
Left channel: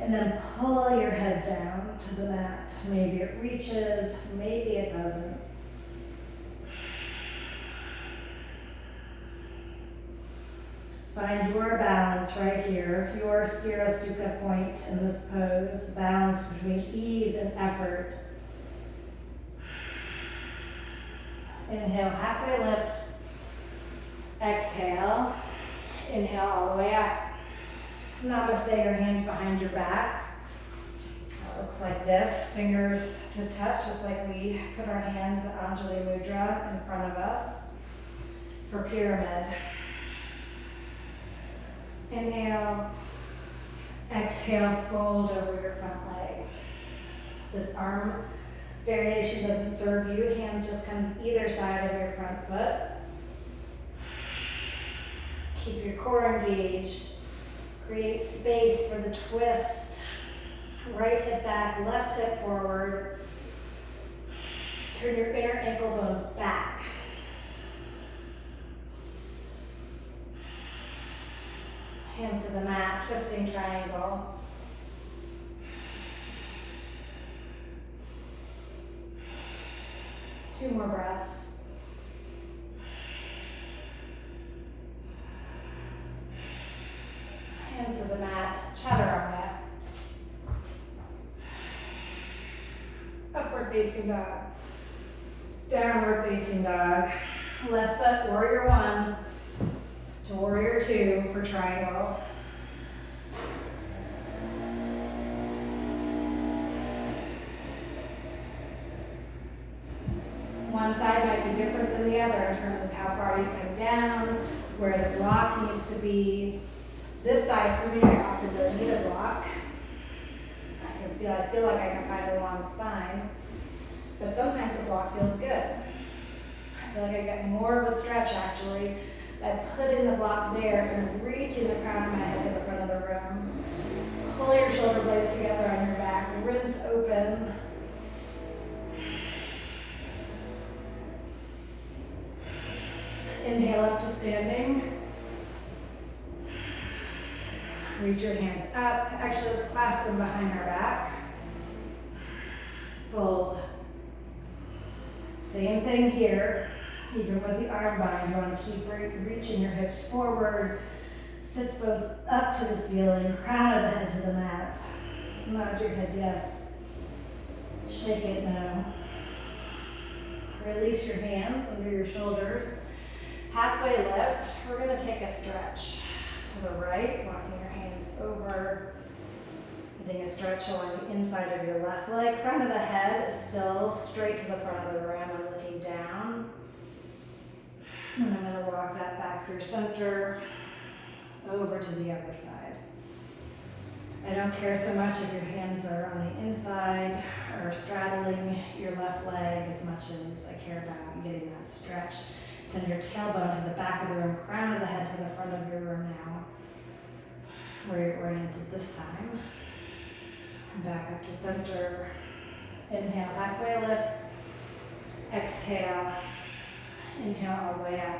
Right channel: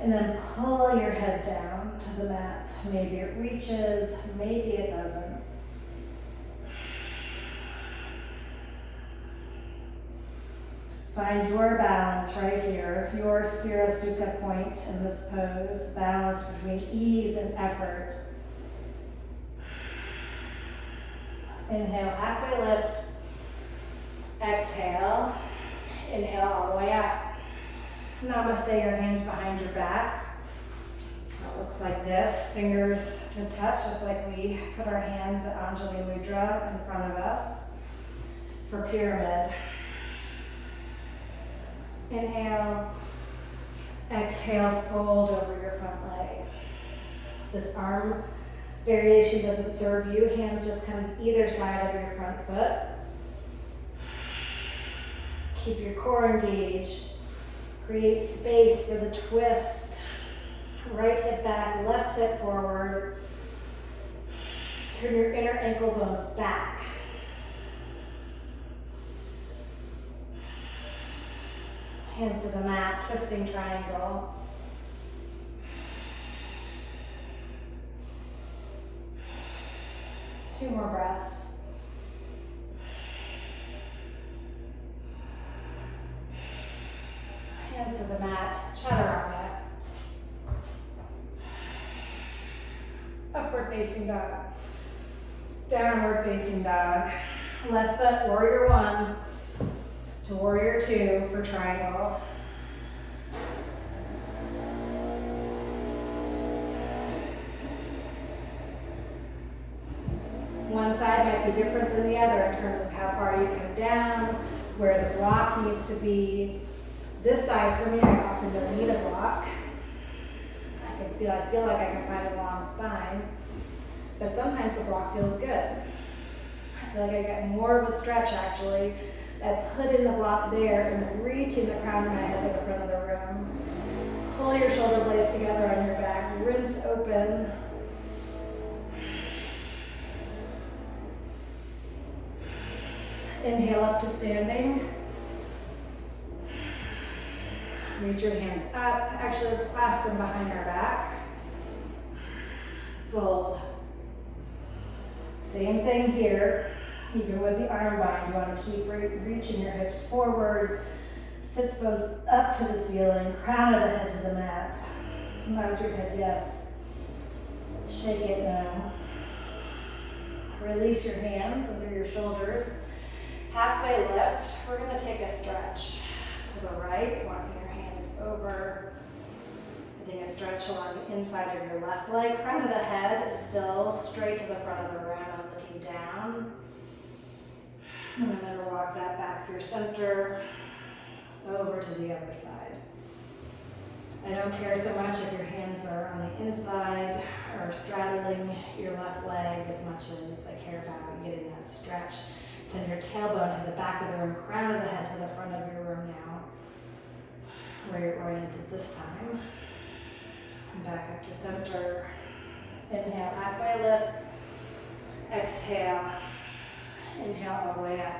And then pull your head down to the mat. Maybe it reaches, maybe it doesn't. Find your balance right here, your Sthira Sukha point in this pose, balance between ease and effort. Inhale, halfway lift. Exhale, inhale all the way up. Namaste, your hands behind your back. It looks like this, fingers to touch, just like we put our hands at Anjali Mudra in front of us for pyramid. Inhale, exhale, fold over your front leg. If this arm variation doesn't serve you, hands just come either side of your front foot. Keep your core engaged. Create space for the twist. Right hip back, left hip forward. Turn your inner ankle bones back. Hands to the mat, twisting triangle. Two more breaths. Hands to the mat, chaturanga. Upward facing dog. Downward facing dog. Left foot, warrior one to warrior two for triangle. One side might be different than the other in terms of how far you come down, where the block needs to be. This side for me, I often don't need a block. I feel like I can find a long spine, but sometimes the block feels good. I feel like I get more of a stretch actually I put in the block there and reaching the crown of my head to the front of the room. Pull your shoulder blades together on your back. Rinse open. Inhale up to standing. Reach your hands up. Actually, let's clasp them behind our back. Fold. Same thing here. Even with the arm bind, you want to keep reaching your hips forward. Sits bones up to the ceiling. Crown of the head to the mat. Nod your head yes. Shake it no. Release your hands under your shoulders. Halfway lift. We're going to take a stretch to the right, walking your hands over. Putting a stretch along the inside of your left leg. Crown of the head is still straight to the front of the room. I'm looking down. And I'm going to walk that back through center, over to the other side. I don't care so much if your hands are on the inside or straddling your left leg as much as I care about you getting that stretch. Send your tailbone to the back of the room, crown of the head to the front of your room now. Where you're oriented this time. Back up to center. Inhale, halfway lift. Exhale. Inhale all the way up.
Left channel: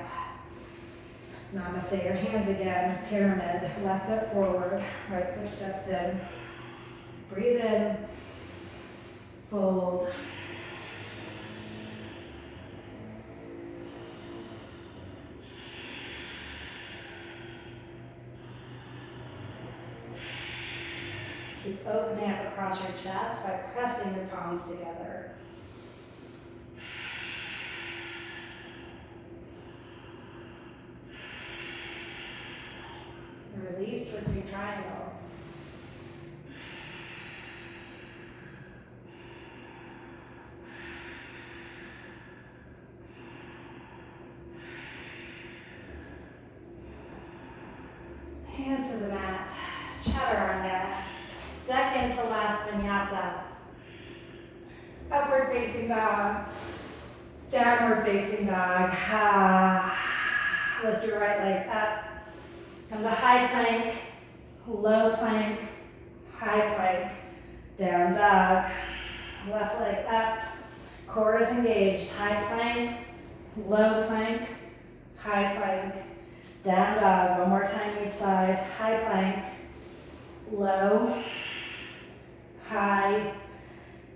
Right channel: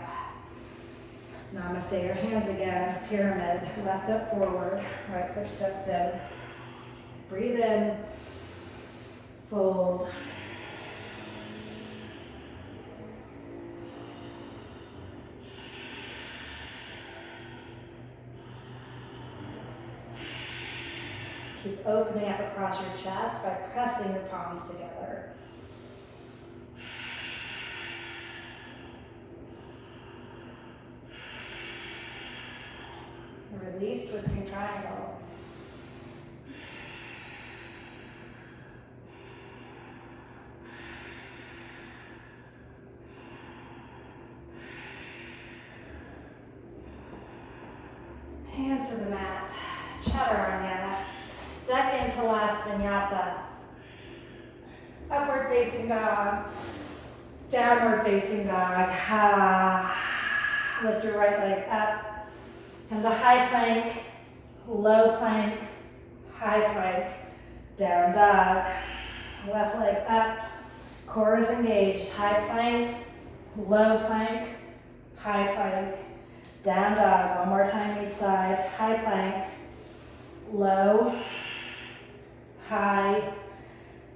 Namaste, your hands again. Pyramid, left foot forward, right foot steps in. Breathe in. Fold. Keep opening up across your chest by pressing your palms together. Release, twisting triangle. Hands to the mat. Chaturanga. Second to last vinyasa. Upward facing dog. Downward facing dog. Lift your right leg up. Come to high plank, low plank, high plank, down dog. Left leg up, core is engaged. High plank, low plank, high plank, down dog. One more time each side. High plank, low, high,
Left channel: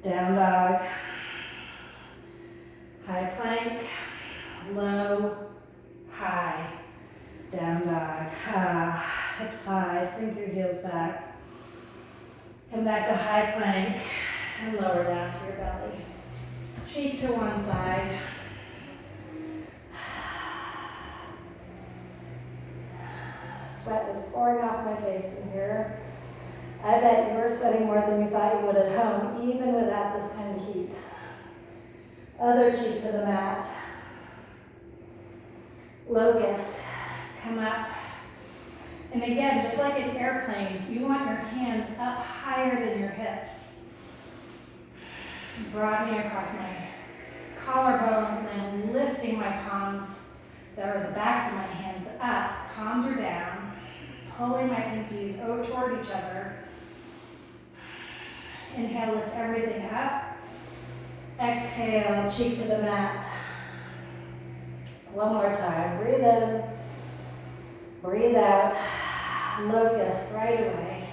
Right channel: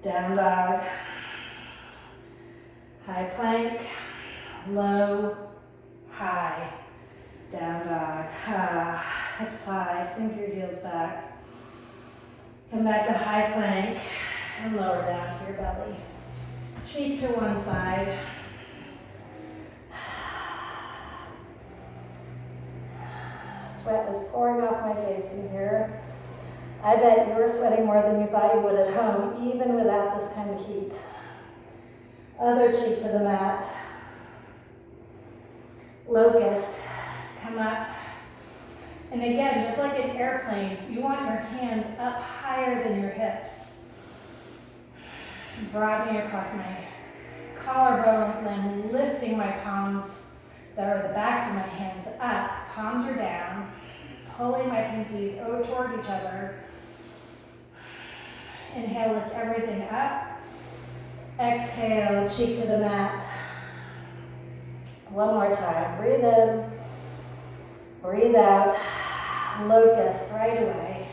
down dog. High plank, low, high. Down dog. Hips high. Sink your heels back. Come back to high plank and lower down to your belly. Cheek to one side. Sweat is pouring off my face in here. I bet you were sweating more than you thought you would at home, even without this kind of heat. Other cheek to the mat. Locust. Come up. And again, just like an airplane, you want your hands up higher than your hips. Broadening across my collarbones and then lifting my palms, that are the backs of my hands, up. Palms are down. Pulling my pinkies toward each other. Inhale, lift everything up. Exhale, cheek to the mat. One more time. Breathe in. Breathe out. Locust right away.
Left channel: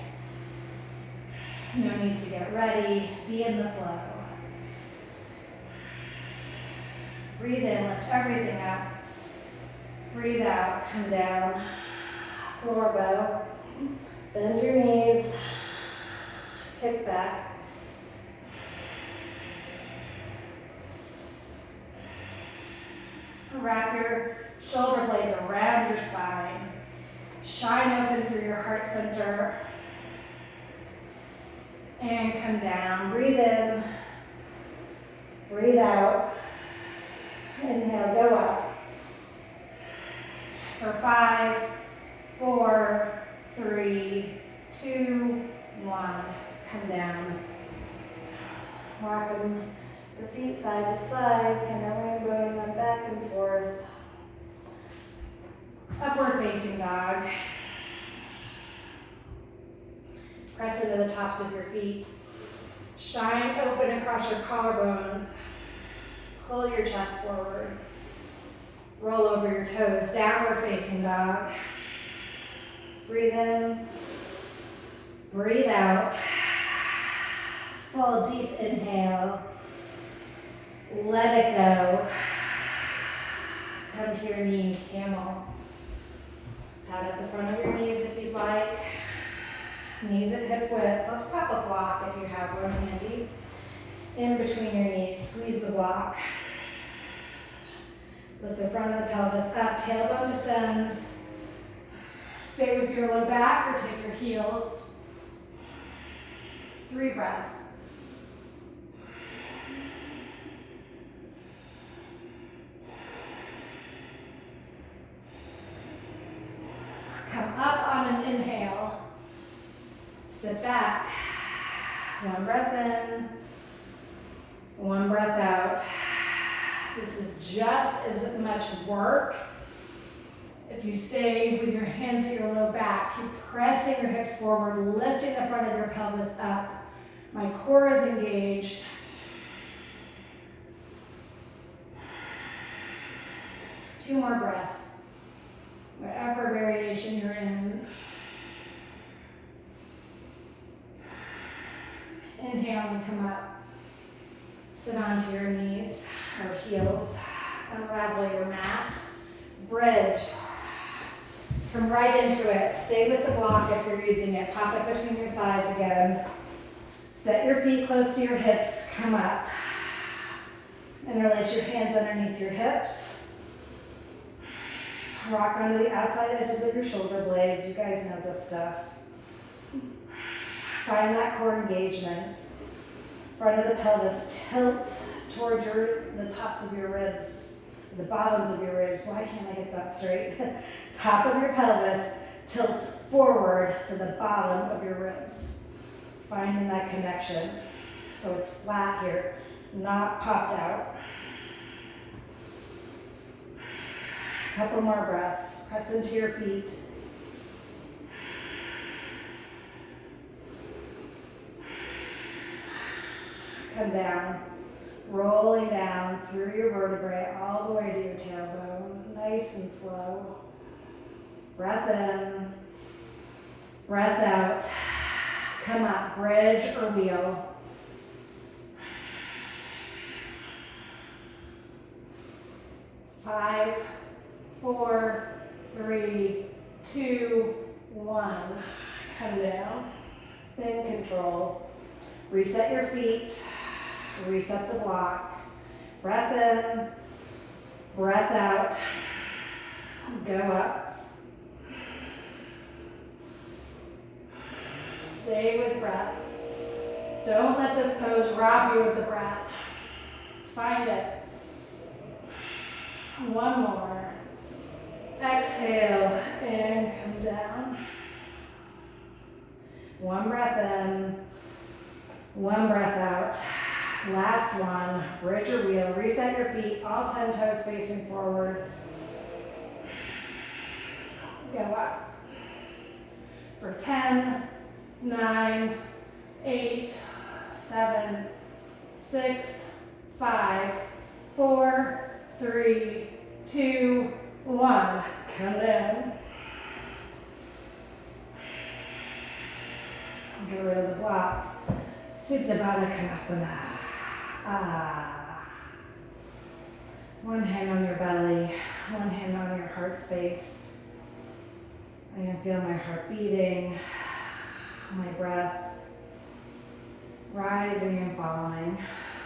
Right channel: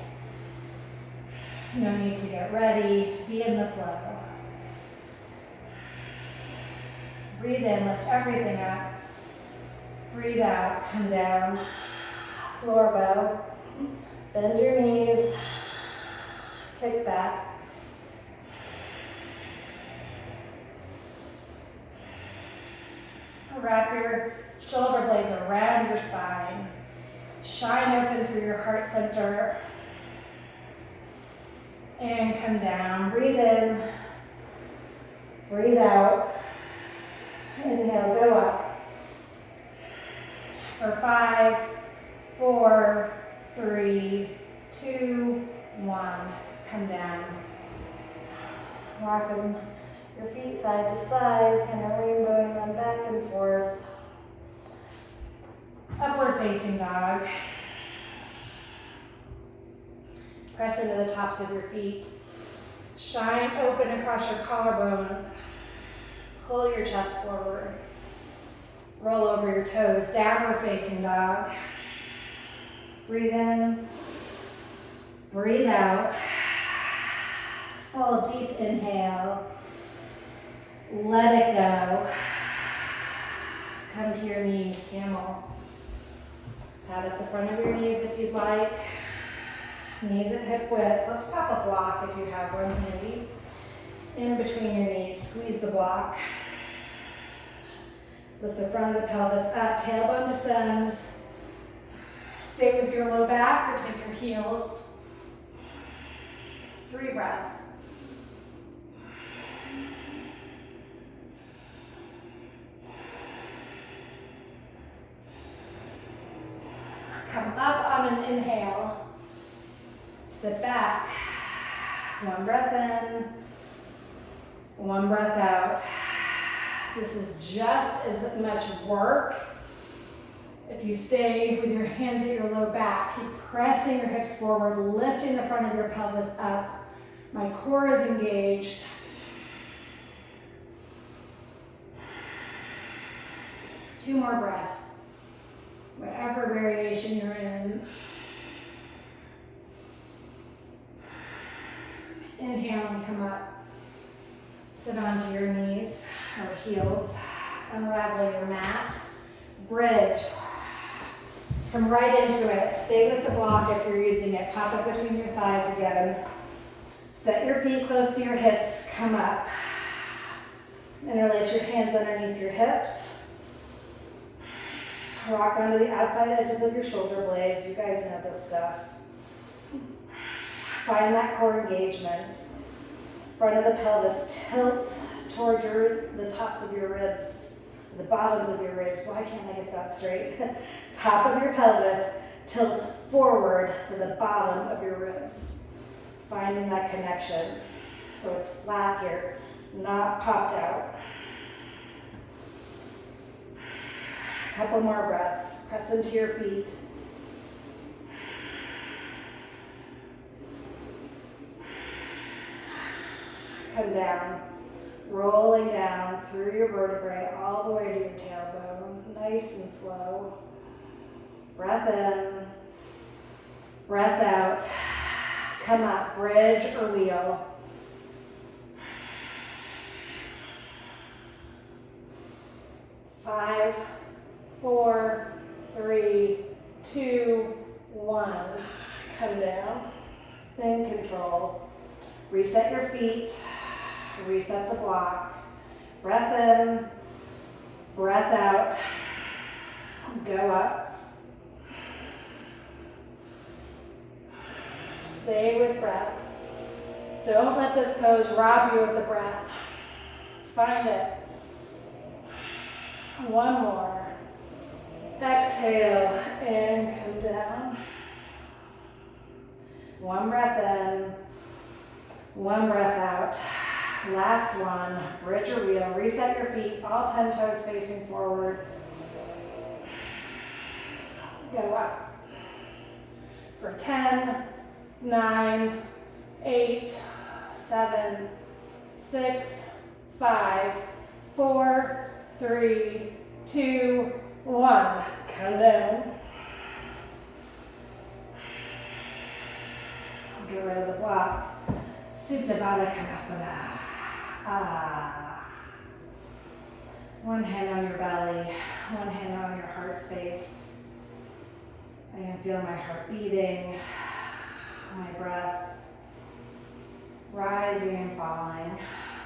No need to get ready. Be in the flow. Breathe in, lift everything up. Breathe out, come down. Floor bow. Bend your knees. Kick back. Wrap your shoulder blades around your spine. Shine open through your heart center. And come down. Breathe in. Breathe out. Inhale, go up. For 5, 4, 3, 2, 1. Come down. Rocking your feet side to side, kind of rainbowing them back and forth. Upward facing dog. Press into the tops of your feet. Shine open across your collarbones. Pull your chest forward. Roll over your toes. Downward facing dog. Breathe in. Breathe out. Full deep inhale. Let it go. Come to your knees, camel. Pat up the front of your knees if you'd like. Knees at hip width. Let's pop a block if you have one handy. In between your knees, squeeze the block. Lift the front of the pelvis up, tailbone descends. Stay with your low back or take your heels. 3 breaths. Come up on an inhale. Sit back. 1 breath in, 1 breath out. This is just as much work. If you stay with your hands at your low back, keep pressing your hips forward, lifting the front of your pelvis up. My core is engaged. Two more breaths. Whatever variation you're in. Inhale and come up. Sit onto your knees or heels. Unravel your mat. Bridge. Come right into it. Stay with the block if you're using it. Pop it between your thighs again. Set your feet close to your hips. Come up. Interlace your hands underneath your hips. Rock onto the outside edges of your shoulder blades. You guys know this stuff. Find that core engagement. Front of the pelvis tilts toward the tops of your ribs, the bottoms of your ribs. Why can't I get that straight? Top of your pelvis tilts forward to the bottom of your ribs. Finding that connection. So it's flat here, not popped out. A couple more breaths. Press into your feet. Come down, rolling down through your vertebrae all the way to your tailbone, nice and slow. Breath in, breath out. Come up, bridge or wheel. Five, 4, 3, 2, 1. Come down, in control. Reset your feet. Reset the block. Breath in, breath out. Go up. Stay with breath. Don't let this pose rob you of the breath. Find it. One more. Exhale and come down. 1 breath in, 1 breath out. Last one, bridge or wheel. Reset your feet, all 10 toes facing forward. Go up. For 10, 9, 8, 7, 6, 5, 4, 3, 2, 1. Come down. Get rid of the block. Supta Baddha Konasana. One hand on your belly, one hand on your heart space. I can feel my heart beating, my breath rising and falling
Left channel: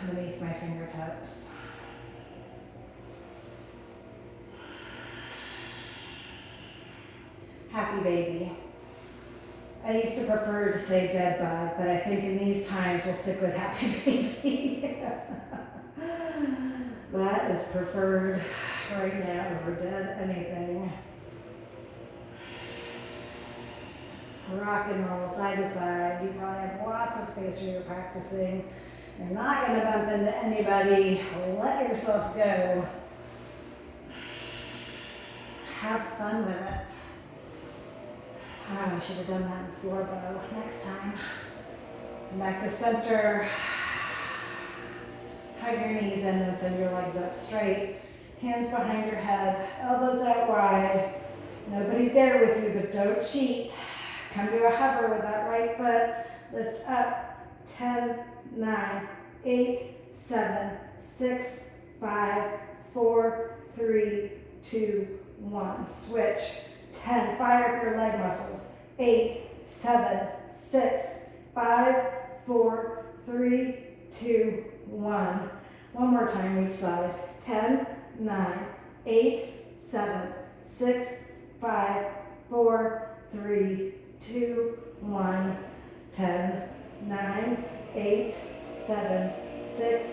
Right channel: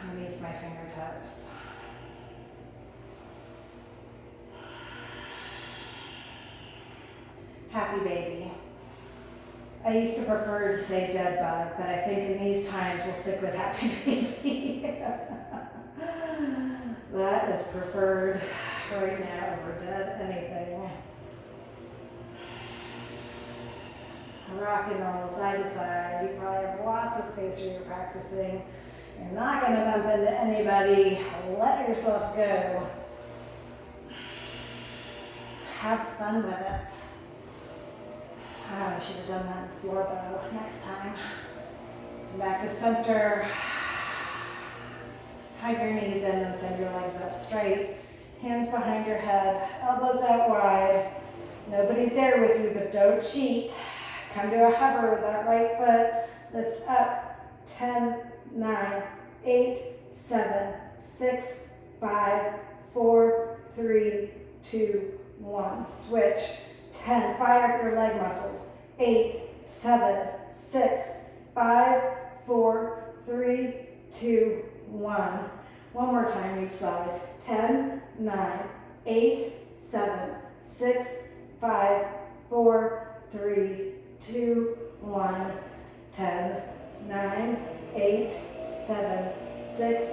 beneath my fingertips. Happy baby. I used to prefer to say dead bug, but I think in these times we'll stick with happy baby. That is preferred right now over dead anything. Rock and roll side to side. You probably have lots of space where you're practicing. You're not going to bump into anybody. Let yourself go. Have fun. fun with it. Oh, I should have done that in floor bow next time. And back to center. Hug your knees in and send your legs up straight. Hands behind your head, elbows out wide. Nobody's there with you, but don't cheat. Come to a hover with that right foot. Lift up. 10, 9, 8, 7, 6, 5, 4, 3, 2, 1. Switch. 10. Fire up your leg muscles. 8, 7, 6, 5, 4, 3, 2, 1. One more time each side. 10, 9, 8, 7, 6, 5, 4, 3, 2, 1. 10, 9, 8, 7, 6,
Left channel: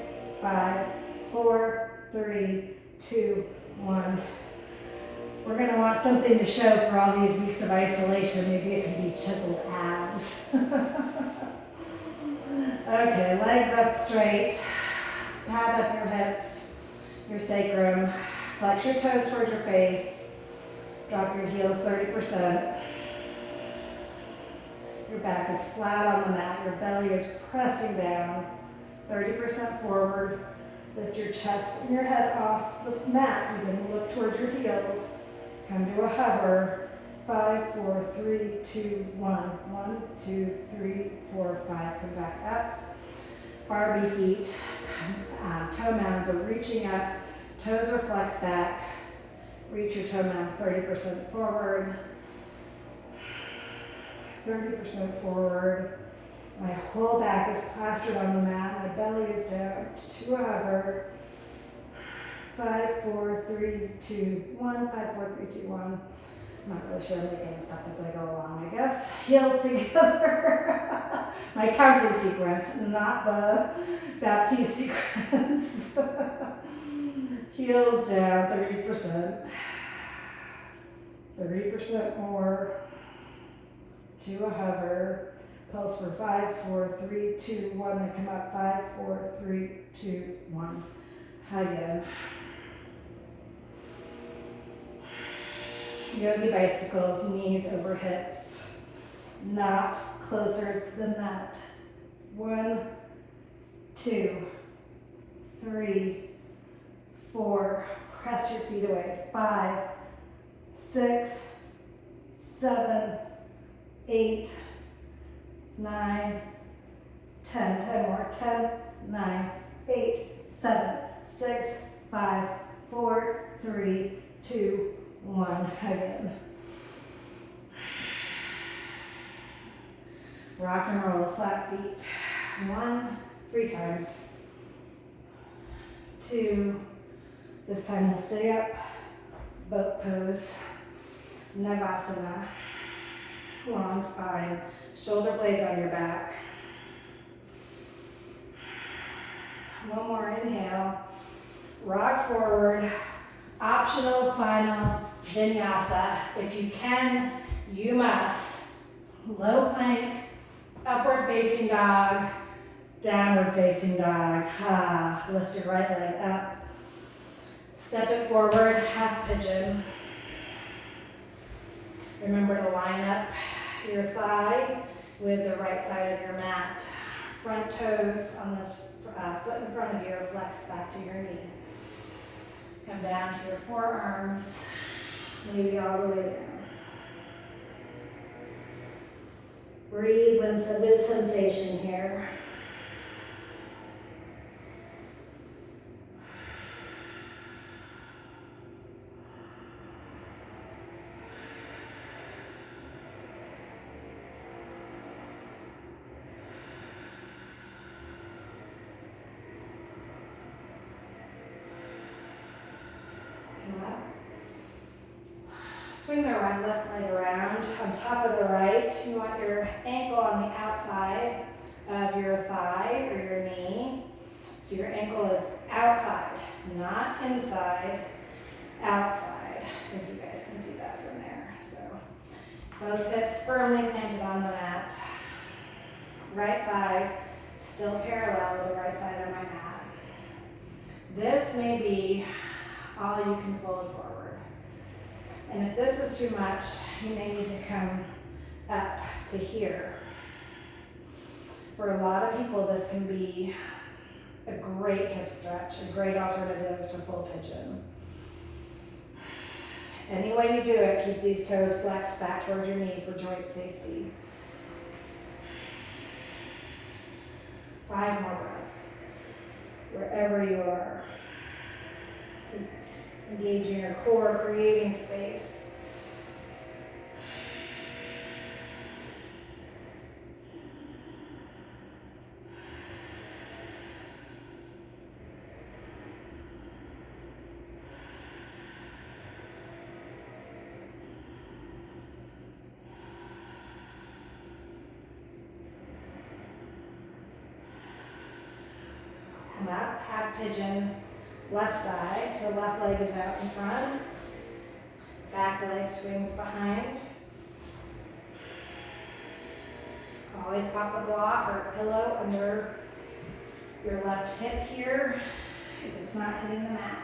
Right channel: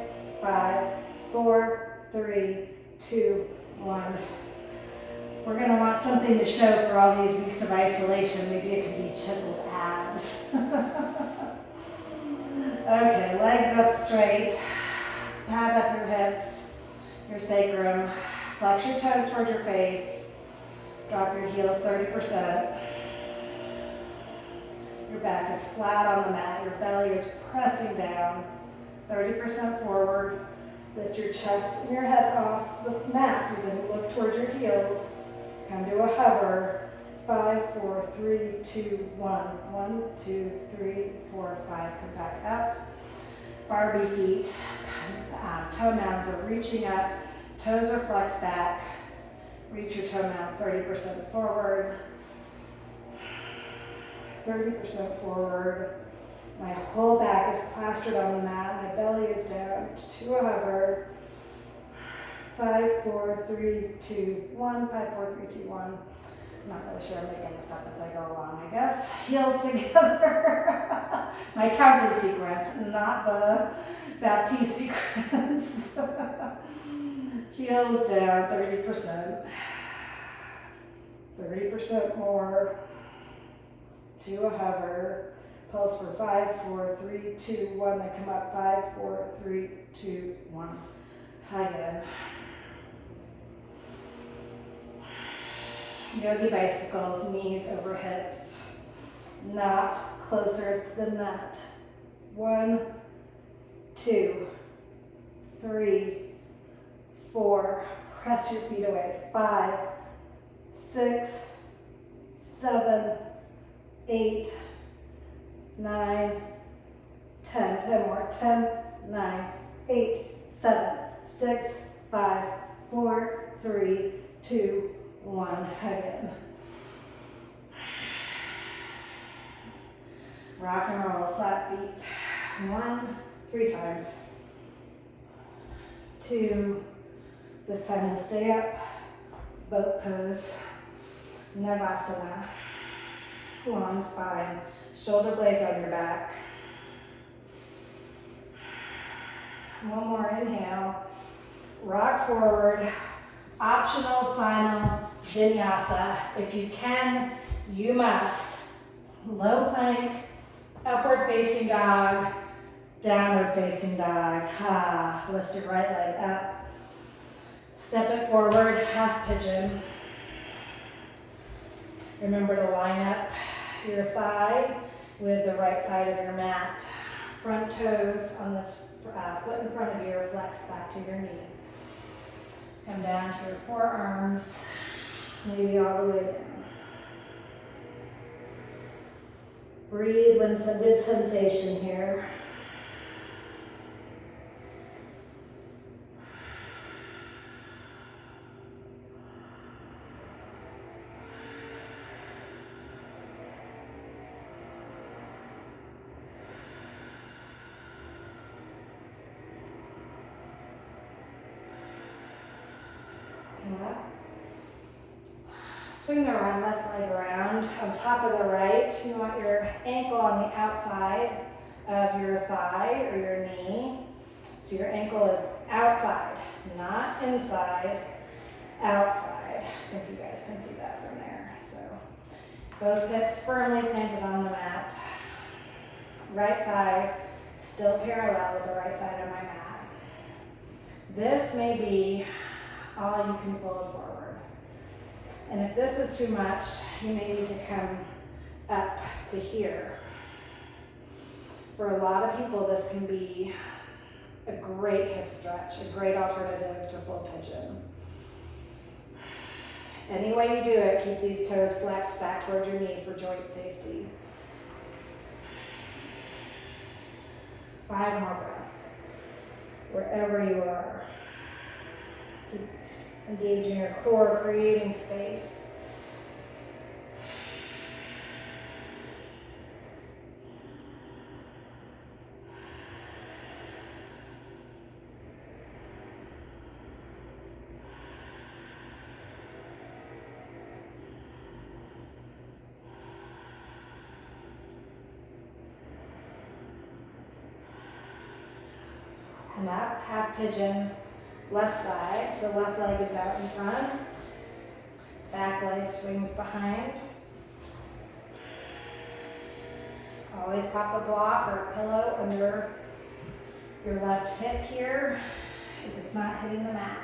5, 4, 3, 2, 1. We're going to want something to show for all these weeks of isolation. Maybe it could be chiseled abs. Okay, legs up straight. Pad up your hips, your sacrum. Flex your toes towards your face. Drop your heels 30%. Your back is flat on the mat. Your belly is pressing down. 30% forward. Lift your chest and your head off the mat so you can look towards your heels. Come to a hover. 5, 4, 3, 2, 1. 1, 2, 3, 4, 5. Come back up. Barbie feet. Toe mounds are reaching up. Toes are flexed back. Reach your toe mounds 30% forward. 30% forward. My whole back is plastered on the mat. My belly is down to a hover. 5, 4, 3, 2, 1. 5, 4, 3, 2, 1. I'm not really sure I'm making this up as I go along, I guess. Heels together. My counting sequence, not the Baptiste sequence. Heels down 30%. 30% more. To a hover. Pulse for 5, 4, 3, 2, 1. Then come up 5, 4, 3, 2, 1. Hug in. Yogi bicycles, knees over hips. Not closer than that. 1, 2, 3, 4. Press your feet away. 5, 6, 7, 8, 9, 10. 10 more. 10, 9, 8, 7, 6, 5, 4, 3, 2, 1. Hug in. Rock and roll, flat feet. 1, 3 times. 2. This time we'll stay up. Boat pose. Navasana. Long spine. Shoulder blades on your back. One more inhale. Rock forward. Optional final vinyasa. If you can, you must. Low plank, upward facing dog, downward facing dog. Lift your right leg up. Step it forward, half pigeon. Remember to line up your thigh with the right side of your mat. Front toes on this foot in front of you are flexed back to your knee. Come down to your forearms, maybe all the way down. Breathe with some good sensation here. Swing the right left leg around on top of the right. You want your ankle on the outside of your thigh or your knee. So your ankle is outside, not inside, outside. I think you guys can see that from there. So both hips firmly planted on the mat. Right thigh still parallel with the right side of my mat. This may be all you can fold forward. And if this is too much, you may need to come up to here. For a lot of people, this can be a great hip stretch, a great alternative to full pigeon. Any way you do it, keep these toes flexed back towards your knee for joint safety. 5 more breaths, wherever you are. Keep engaging your core, creating space. Come up, half pigeon, left side, so left leg is out in front, back leg swings behind. Always pop a block or a pillow under your left hip here if it's not hitting the mat.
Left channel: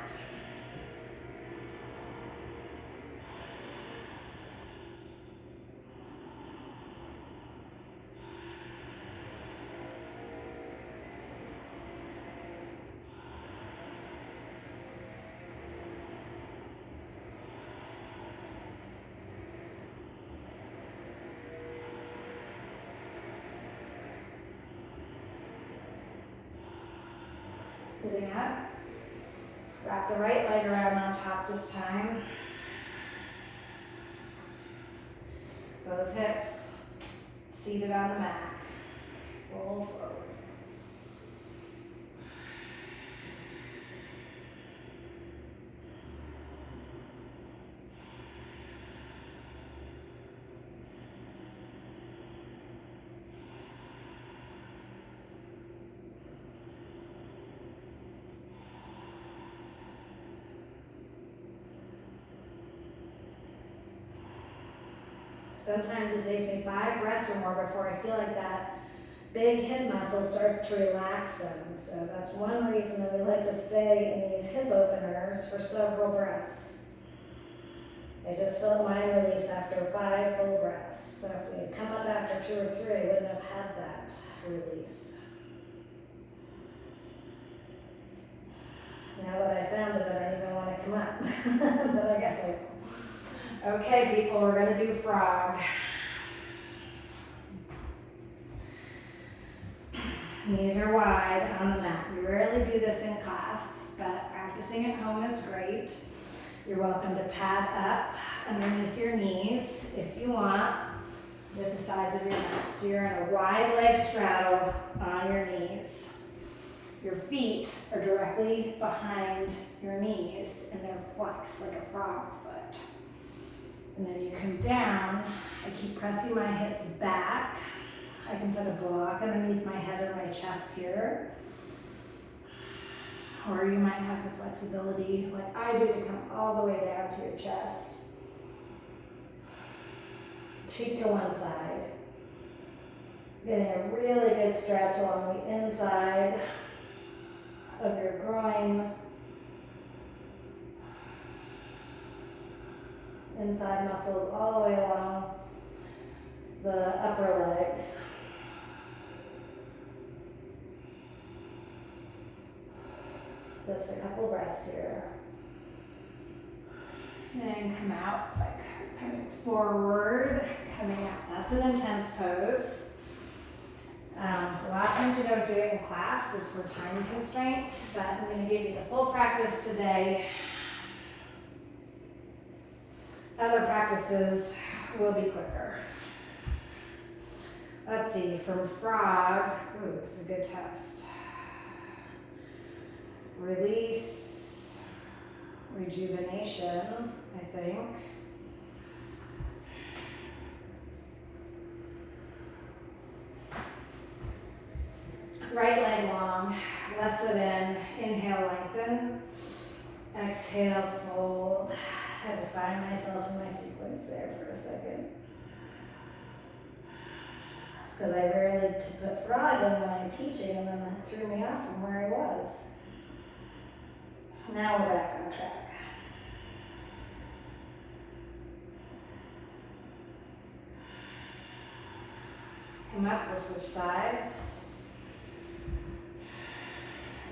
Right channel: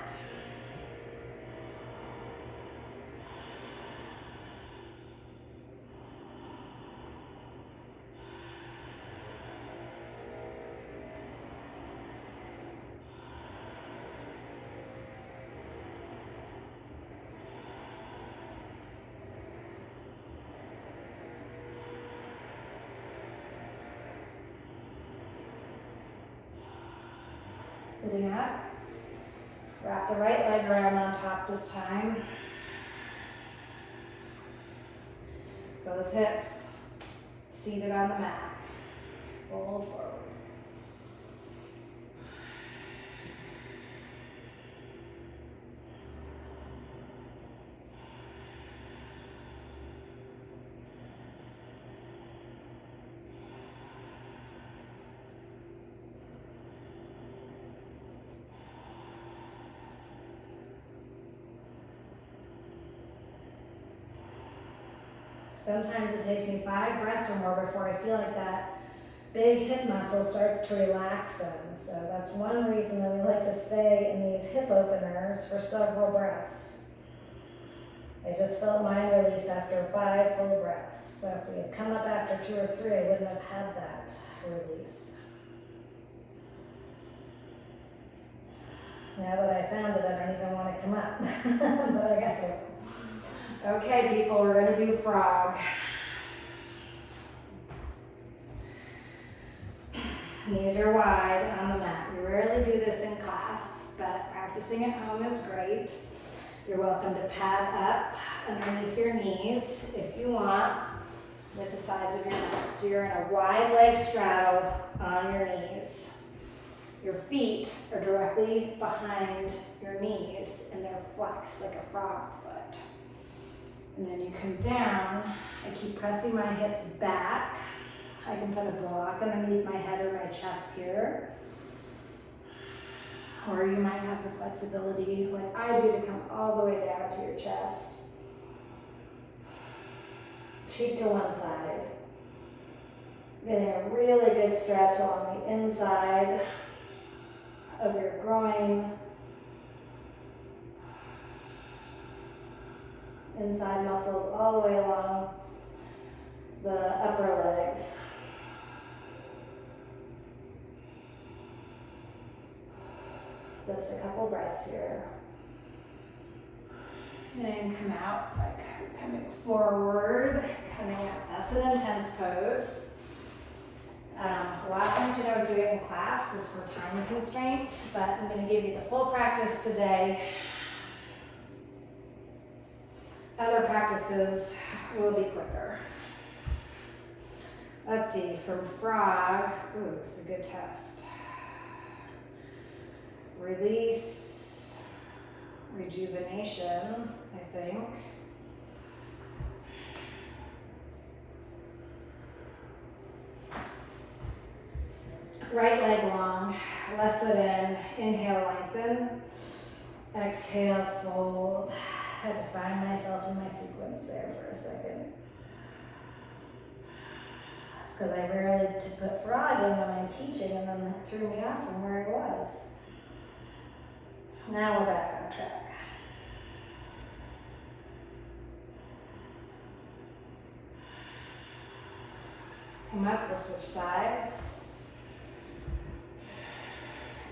Sitting up, wrap the right leg around on top this time. Both hips seated on the mat. Roll forward. Sometimes it takes me 5 breaths or more before I feel like that big hip muscle starts to relax in. So that's one reason that we like to stay in these hip openers for several breaths. I just felt mine release after 5 full breaths. So if we had come up after 2 or 3, I wouldn't have had that release. Now that I found it, I don't even want to come up, but I guess I will. Okay, people, we're going to do frog. Knees are wide on the mat. We rarely do this in class, but practicing at home is great. You're welcome to pad up underneath your knees if you want with the sides of your mat. So you're in a wide leg straddle on your knees. Your feet are directly behind your knees and they're flexed like a frog foot. And then you come down. I keep pressing my hips back. I can put a block underneath my head or my chest here. Or you might have the flexibility, like I do, to come all the way down to your chest. Cheek to one side. Getting a really good stretch along the inside of your groin. Inside muscles all the way along the upper legs. Just a couple breaths here. And come out, like coming forward, coming out. That's an intense pose. A lot of times we don't do it in class just for time constraints, but I'm going to give you the full practice today. Other practices will be quicker. Let's see, from frog, ooh, it's a good test. Release, rejuvenation, I think. Right leg long, left foot in, inhale, lengthen. Exhale, fold. I had to find myself in my sequence there for a second. It's because I rarely put frog in when I'm teaching, and then that threw me off from where I was. Now we're back on track. Come up, we'll switch sides.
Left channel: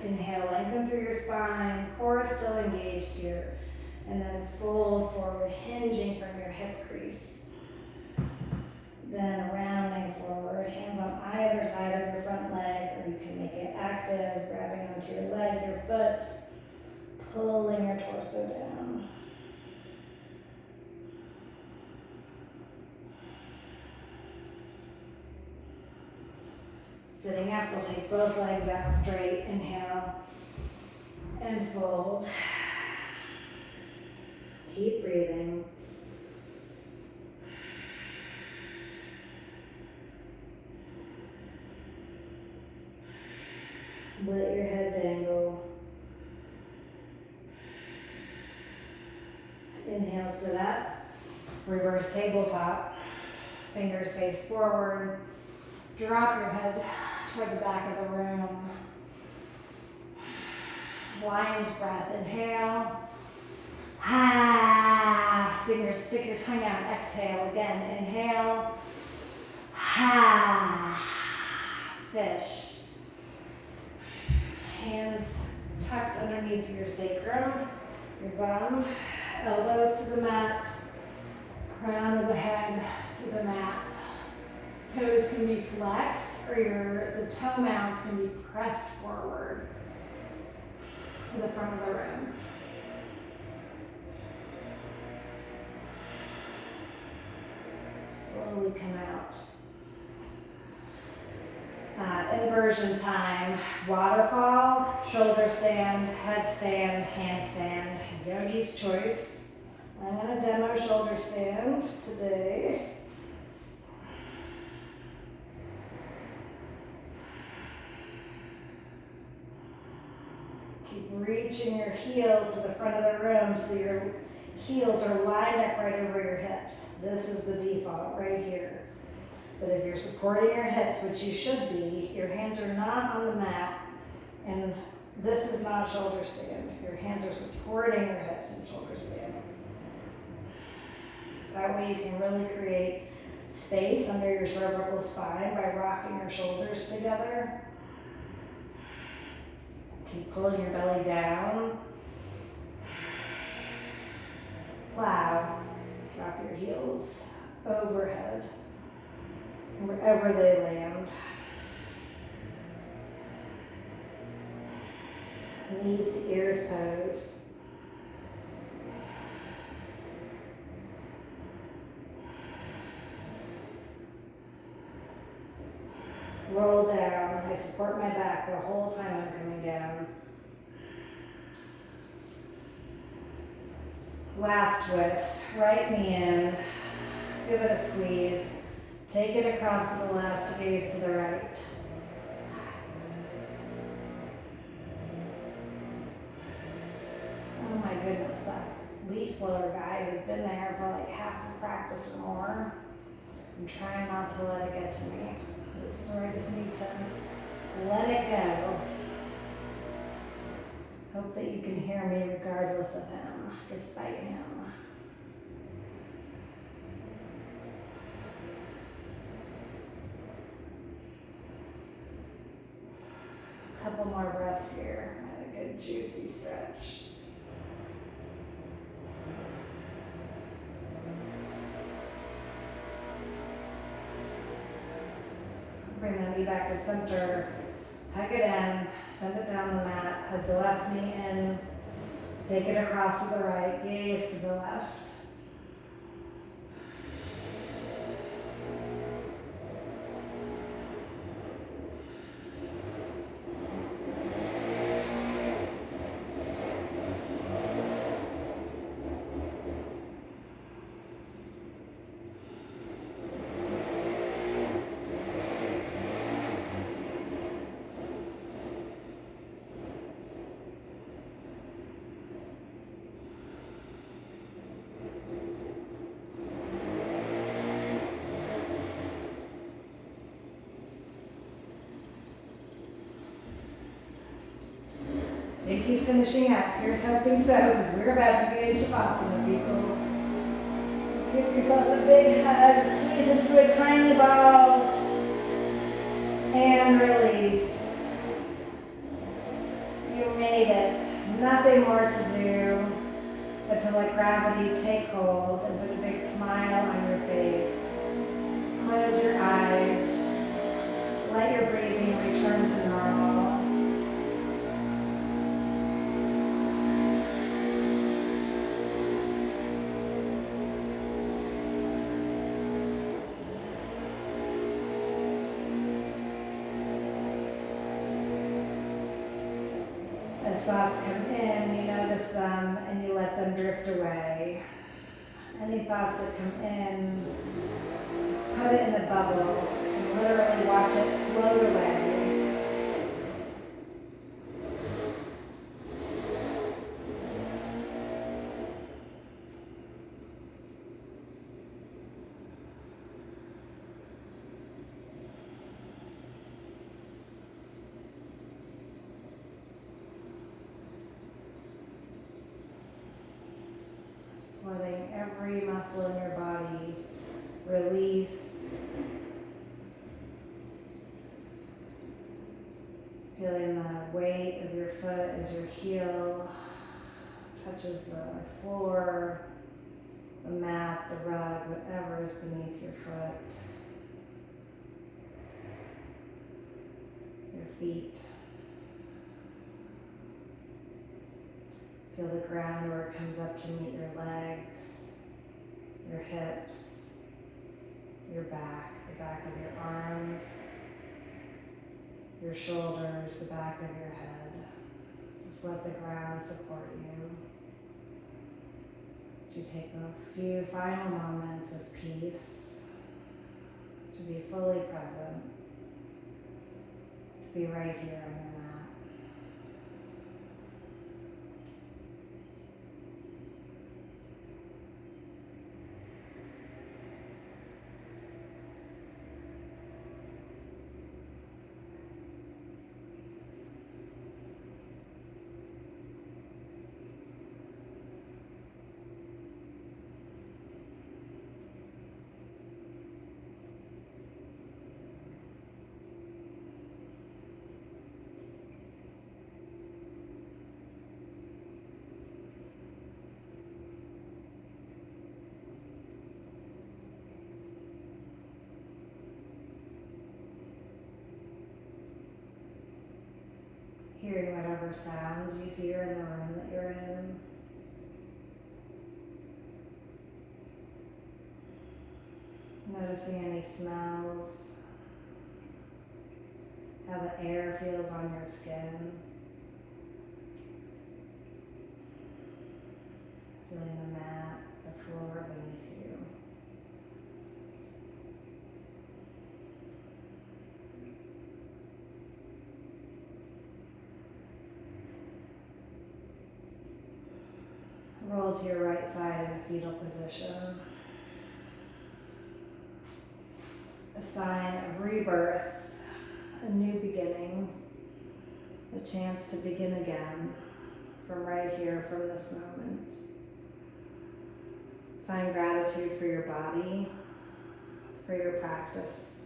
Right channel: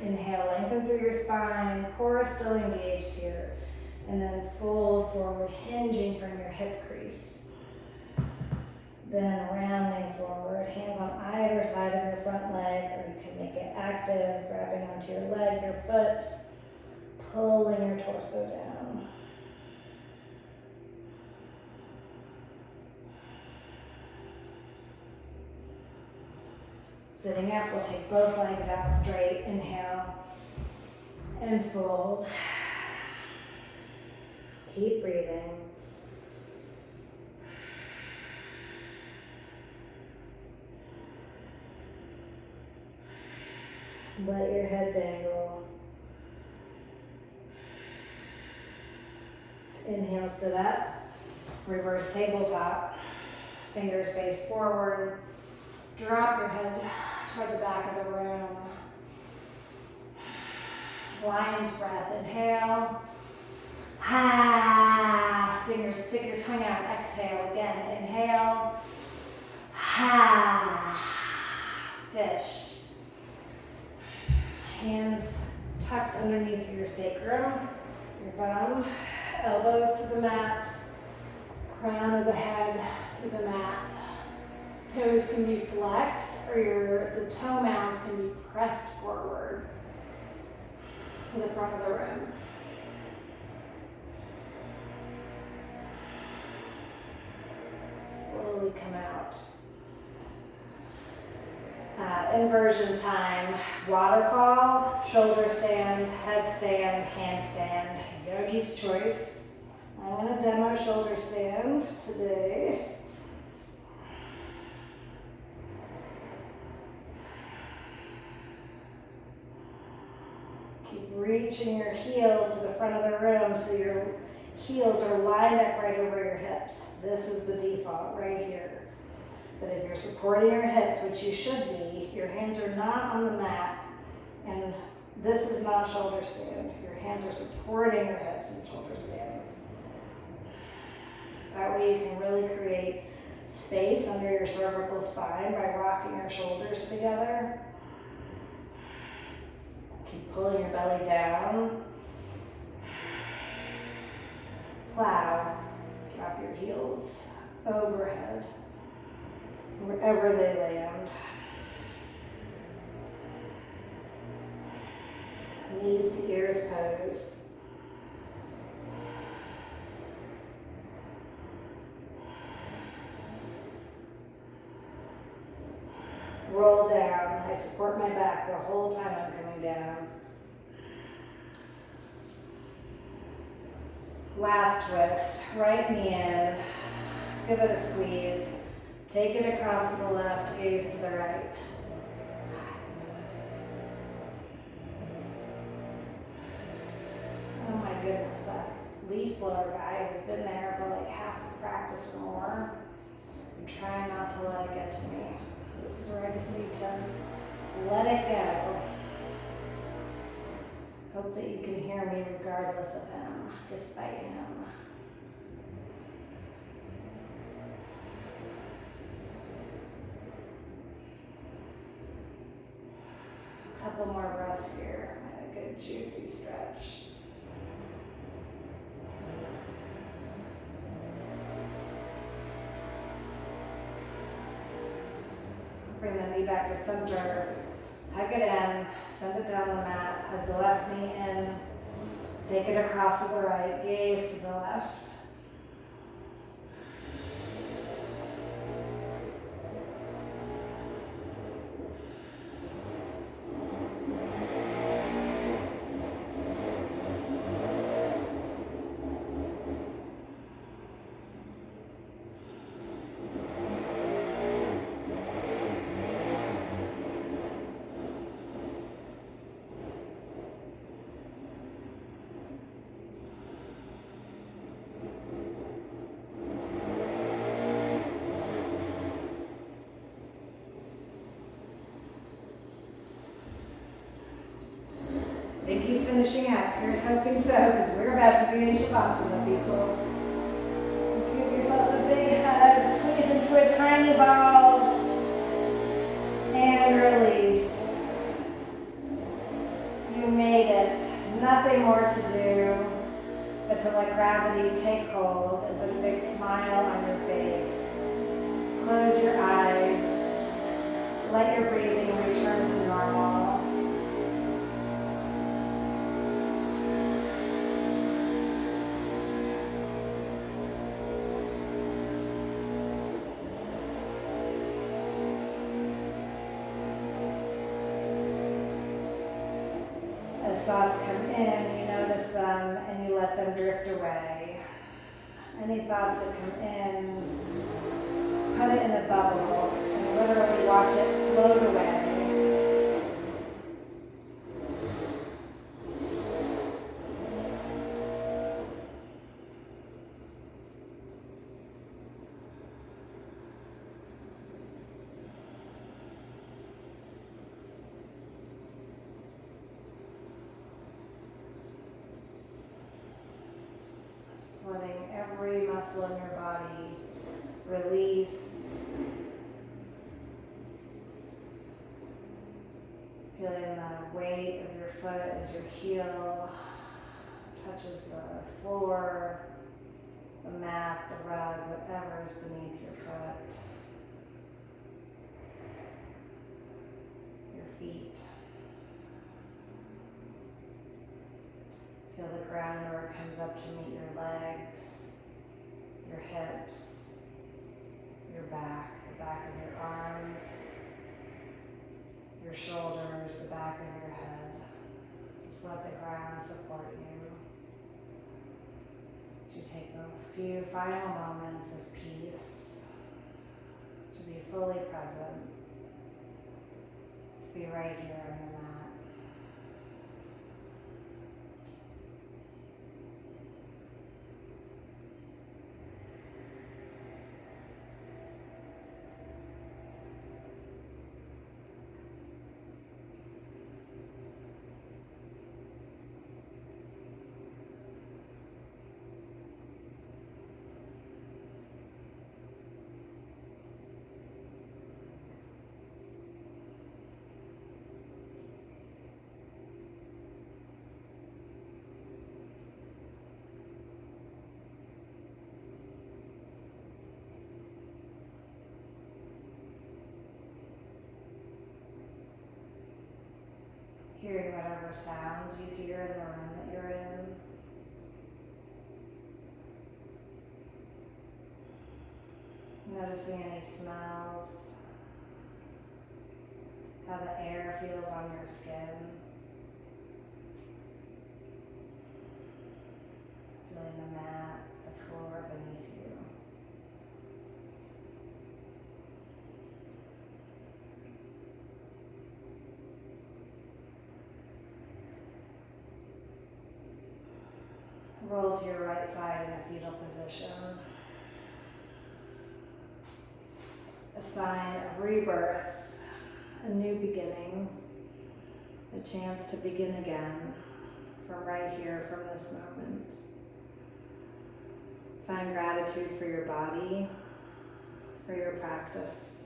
Inhale, lengthen through your spine, core is still engaged here. And then fold forward, hinging from your hip crease. Then rounding forward, hands on either side of your front leg, or you can make it active, grabbing onto your leg, your foot, pulling your torso down. Sitting up, we'll take both legs out straight. Inhale and fold. Keep breathing. Let your head dangle. Inhale, sit up. Reverse tabletop. Fingers face forward. Drop your head toward the back of the room. Lion's breath. Inhale. Ha. Stick your tongue out. Exhale again. Inhale. Ha. Fish. Hands tucked underneath your sacrum, your bum, elbows to the mat, crown of the head to the mat. Toes can be flexed, or the toe mounts can be pressed forward to the front of the room. Slowly come out. Inversion time, waterfall, shoulder stand, headstand, handstand, yogi's choice. I'm going to demo shoulder stand today. Keep reaching your heels to the front of the room so your heels are lined up right over your hips. This is the default right here. But if you're supporting your hips, which you should be, your hands are not on the mat, and this is not shoulder stand. Your hands are supporting your hips in shoulder stand. That way you can really create space under your cervical spine by rocking your shoulders together. Keep pulling your belly down. Plow. Drop your heels overhead, wherever they land. Knees to ears pose. Roll down. I support my back the whole time I'm coming down. Last twist. Right knee in. Give it a squeeze. Take it across to the left, gaze to the right. Oh my goodness, that leaf blower guy has been there for like half the practice or more. I'm trying not to let it get to me. This is where I just need to let it go. Hope that you can hear me regardless of him, despite him. Couple more breaths here. A good juicy stretch. Bring the knee back to center. Hug it in. Send it down the mat. Hug the left knee in. Take it across to the right. Gaze to the left. I think he's finishing up. Here's hoping so, because we're about to be in Shavasana, people. Give yourself a big hug. Squeeze into a tiny ball. And release. You made it. Nothing more to do but to let gravity take hold and put a big smile on your face. Close your eyes. Let your breathing return to normal. As thoughts come in, you notice them and you let them drift away. Any thoughts that come in, just put it in a bubble and literally watch it float away. Letting every muscle in your body release. Feeling the weight of your foot as your heel touches the floor, the mat, the rug, whatever is beneath your foot. Your feet. Feel the ground where it comes up to meet your legs, your hips, your back, the back of your arms, your shoulders, the back of your head. Just let the ground support you. To take a few final moments of peace, to be fully present, to be right here on your mat. Hearing whatever sounds you hear in the room that you're in. Noticing any smells, how the air feels on your skin. Feeling the mat, the floor beneath you. Roll to your right side in a fetal position. A sign of rebirth, a new beginning, a chance to begin again from right here, from this moment. Find gratitude for your body, for your practice.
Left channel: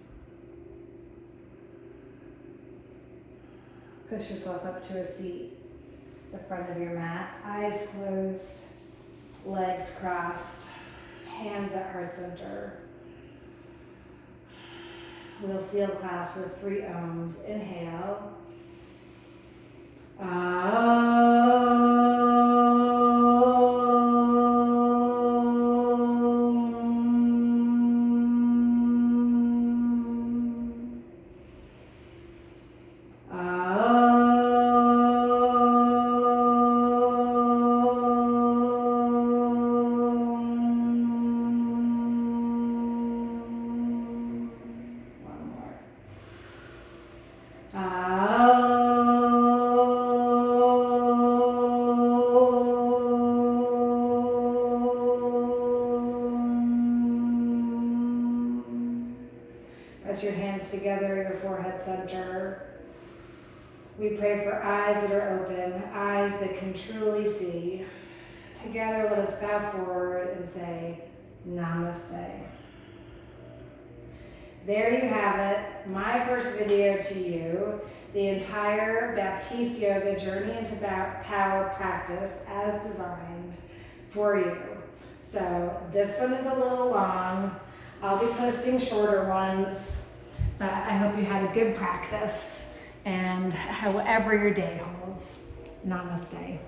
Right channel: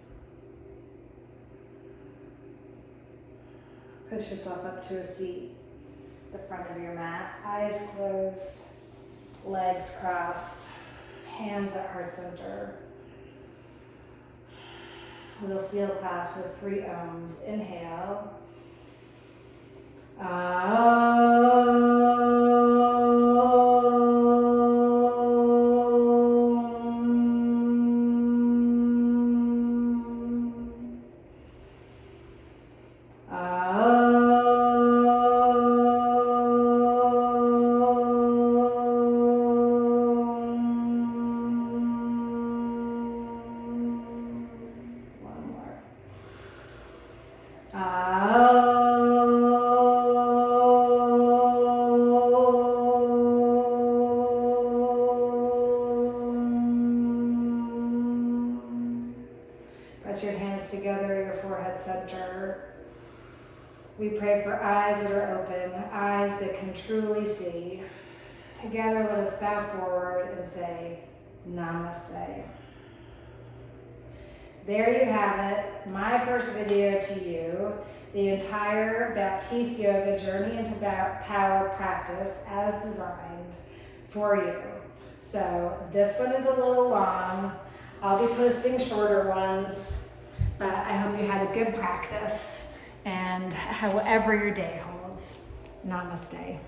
Push yourself up to a seat at the front of your mat, eyes closed, legs crossed, hands at heart center. We'll seal class with 3 ohms. Inhale. Press your hands together, your forehead center. We pray for eyes that are open, eyes that can truly see. Together, let us bow forward and say, Namaste. there you have it, my first video to you, the entire Baptiste Yoga Journey into Power practice as designed for you. So this one is a little long. I'll be posting shorter ones, but I hope you had a good practice, and however your day holds, namaste.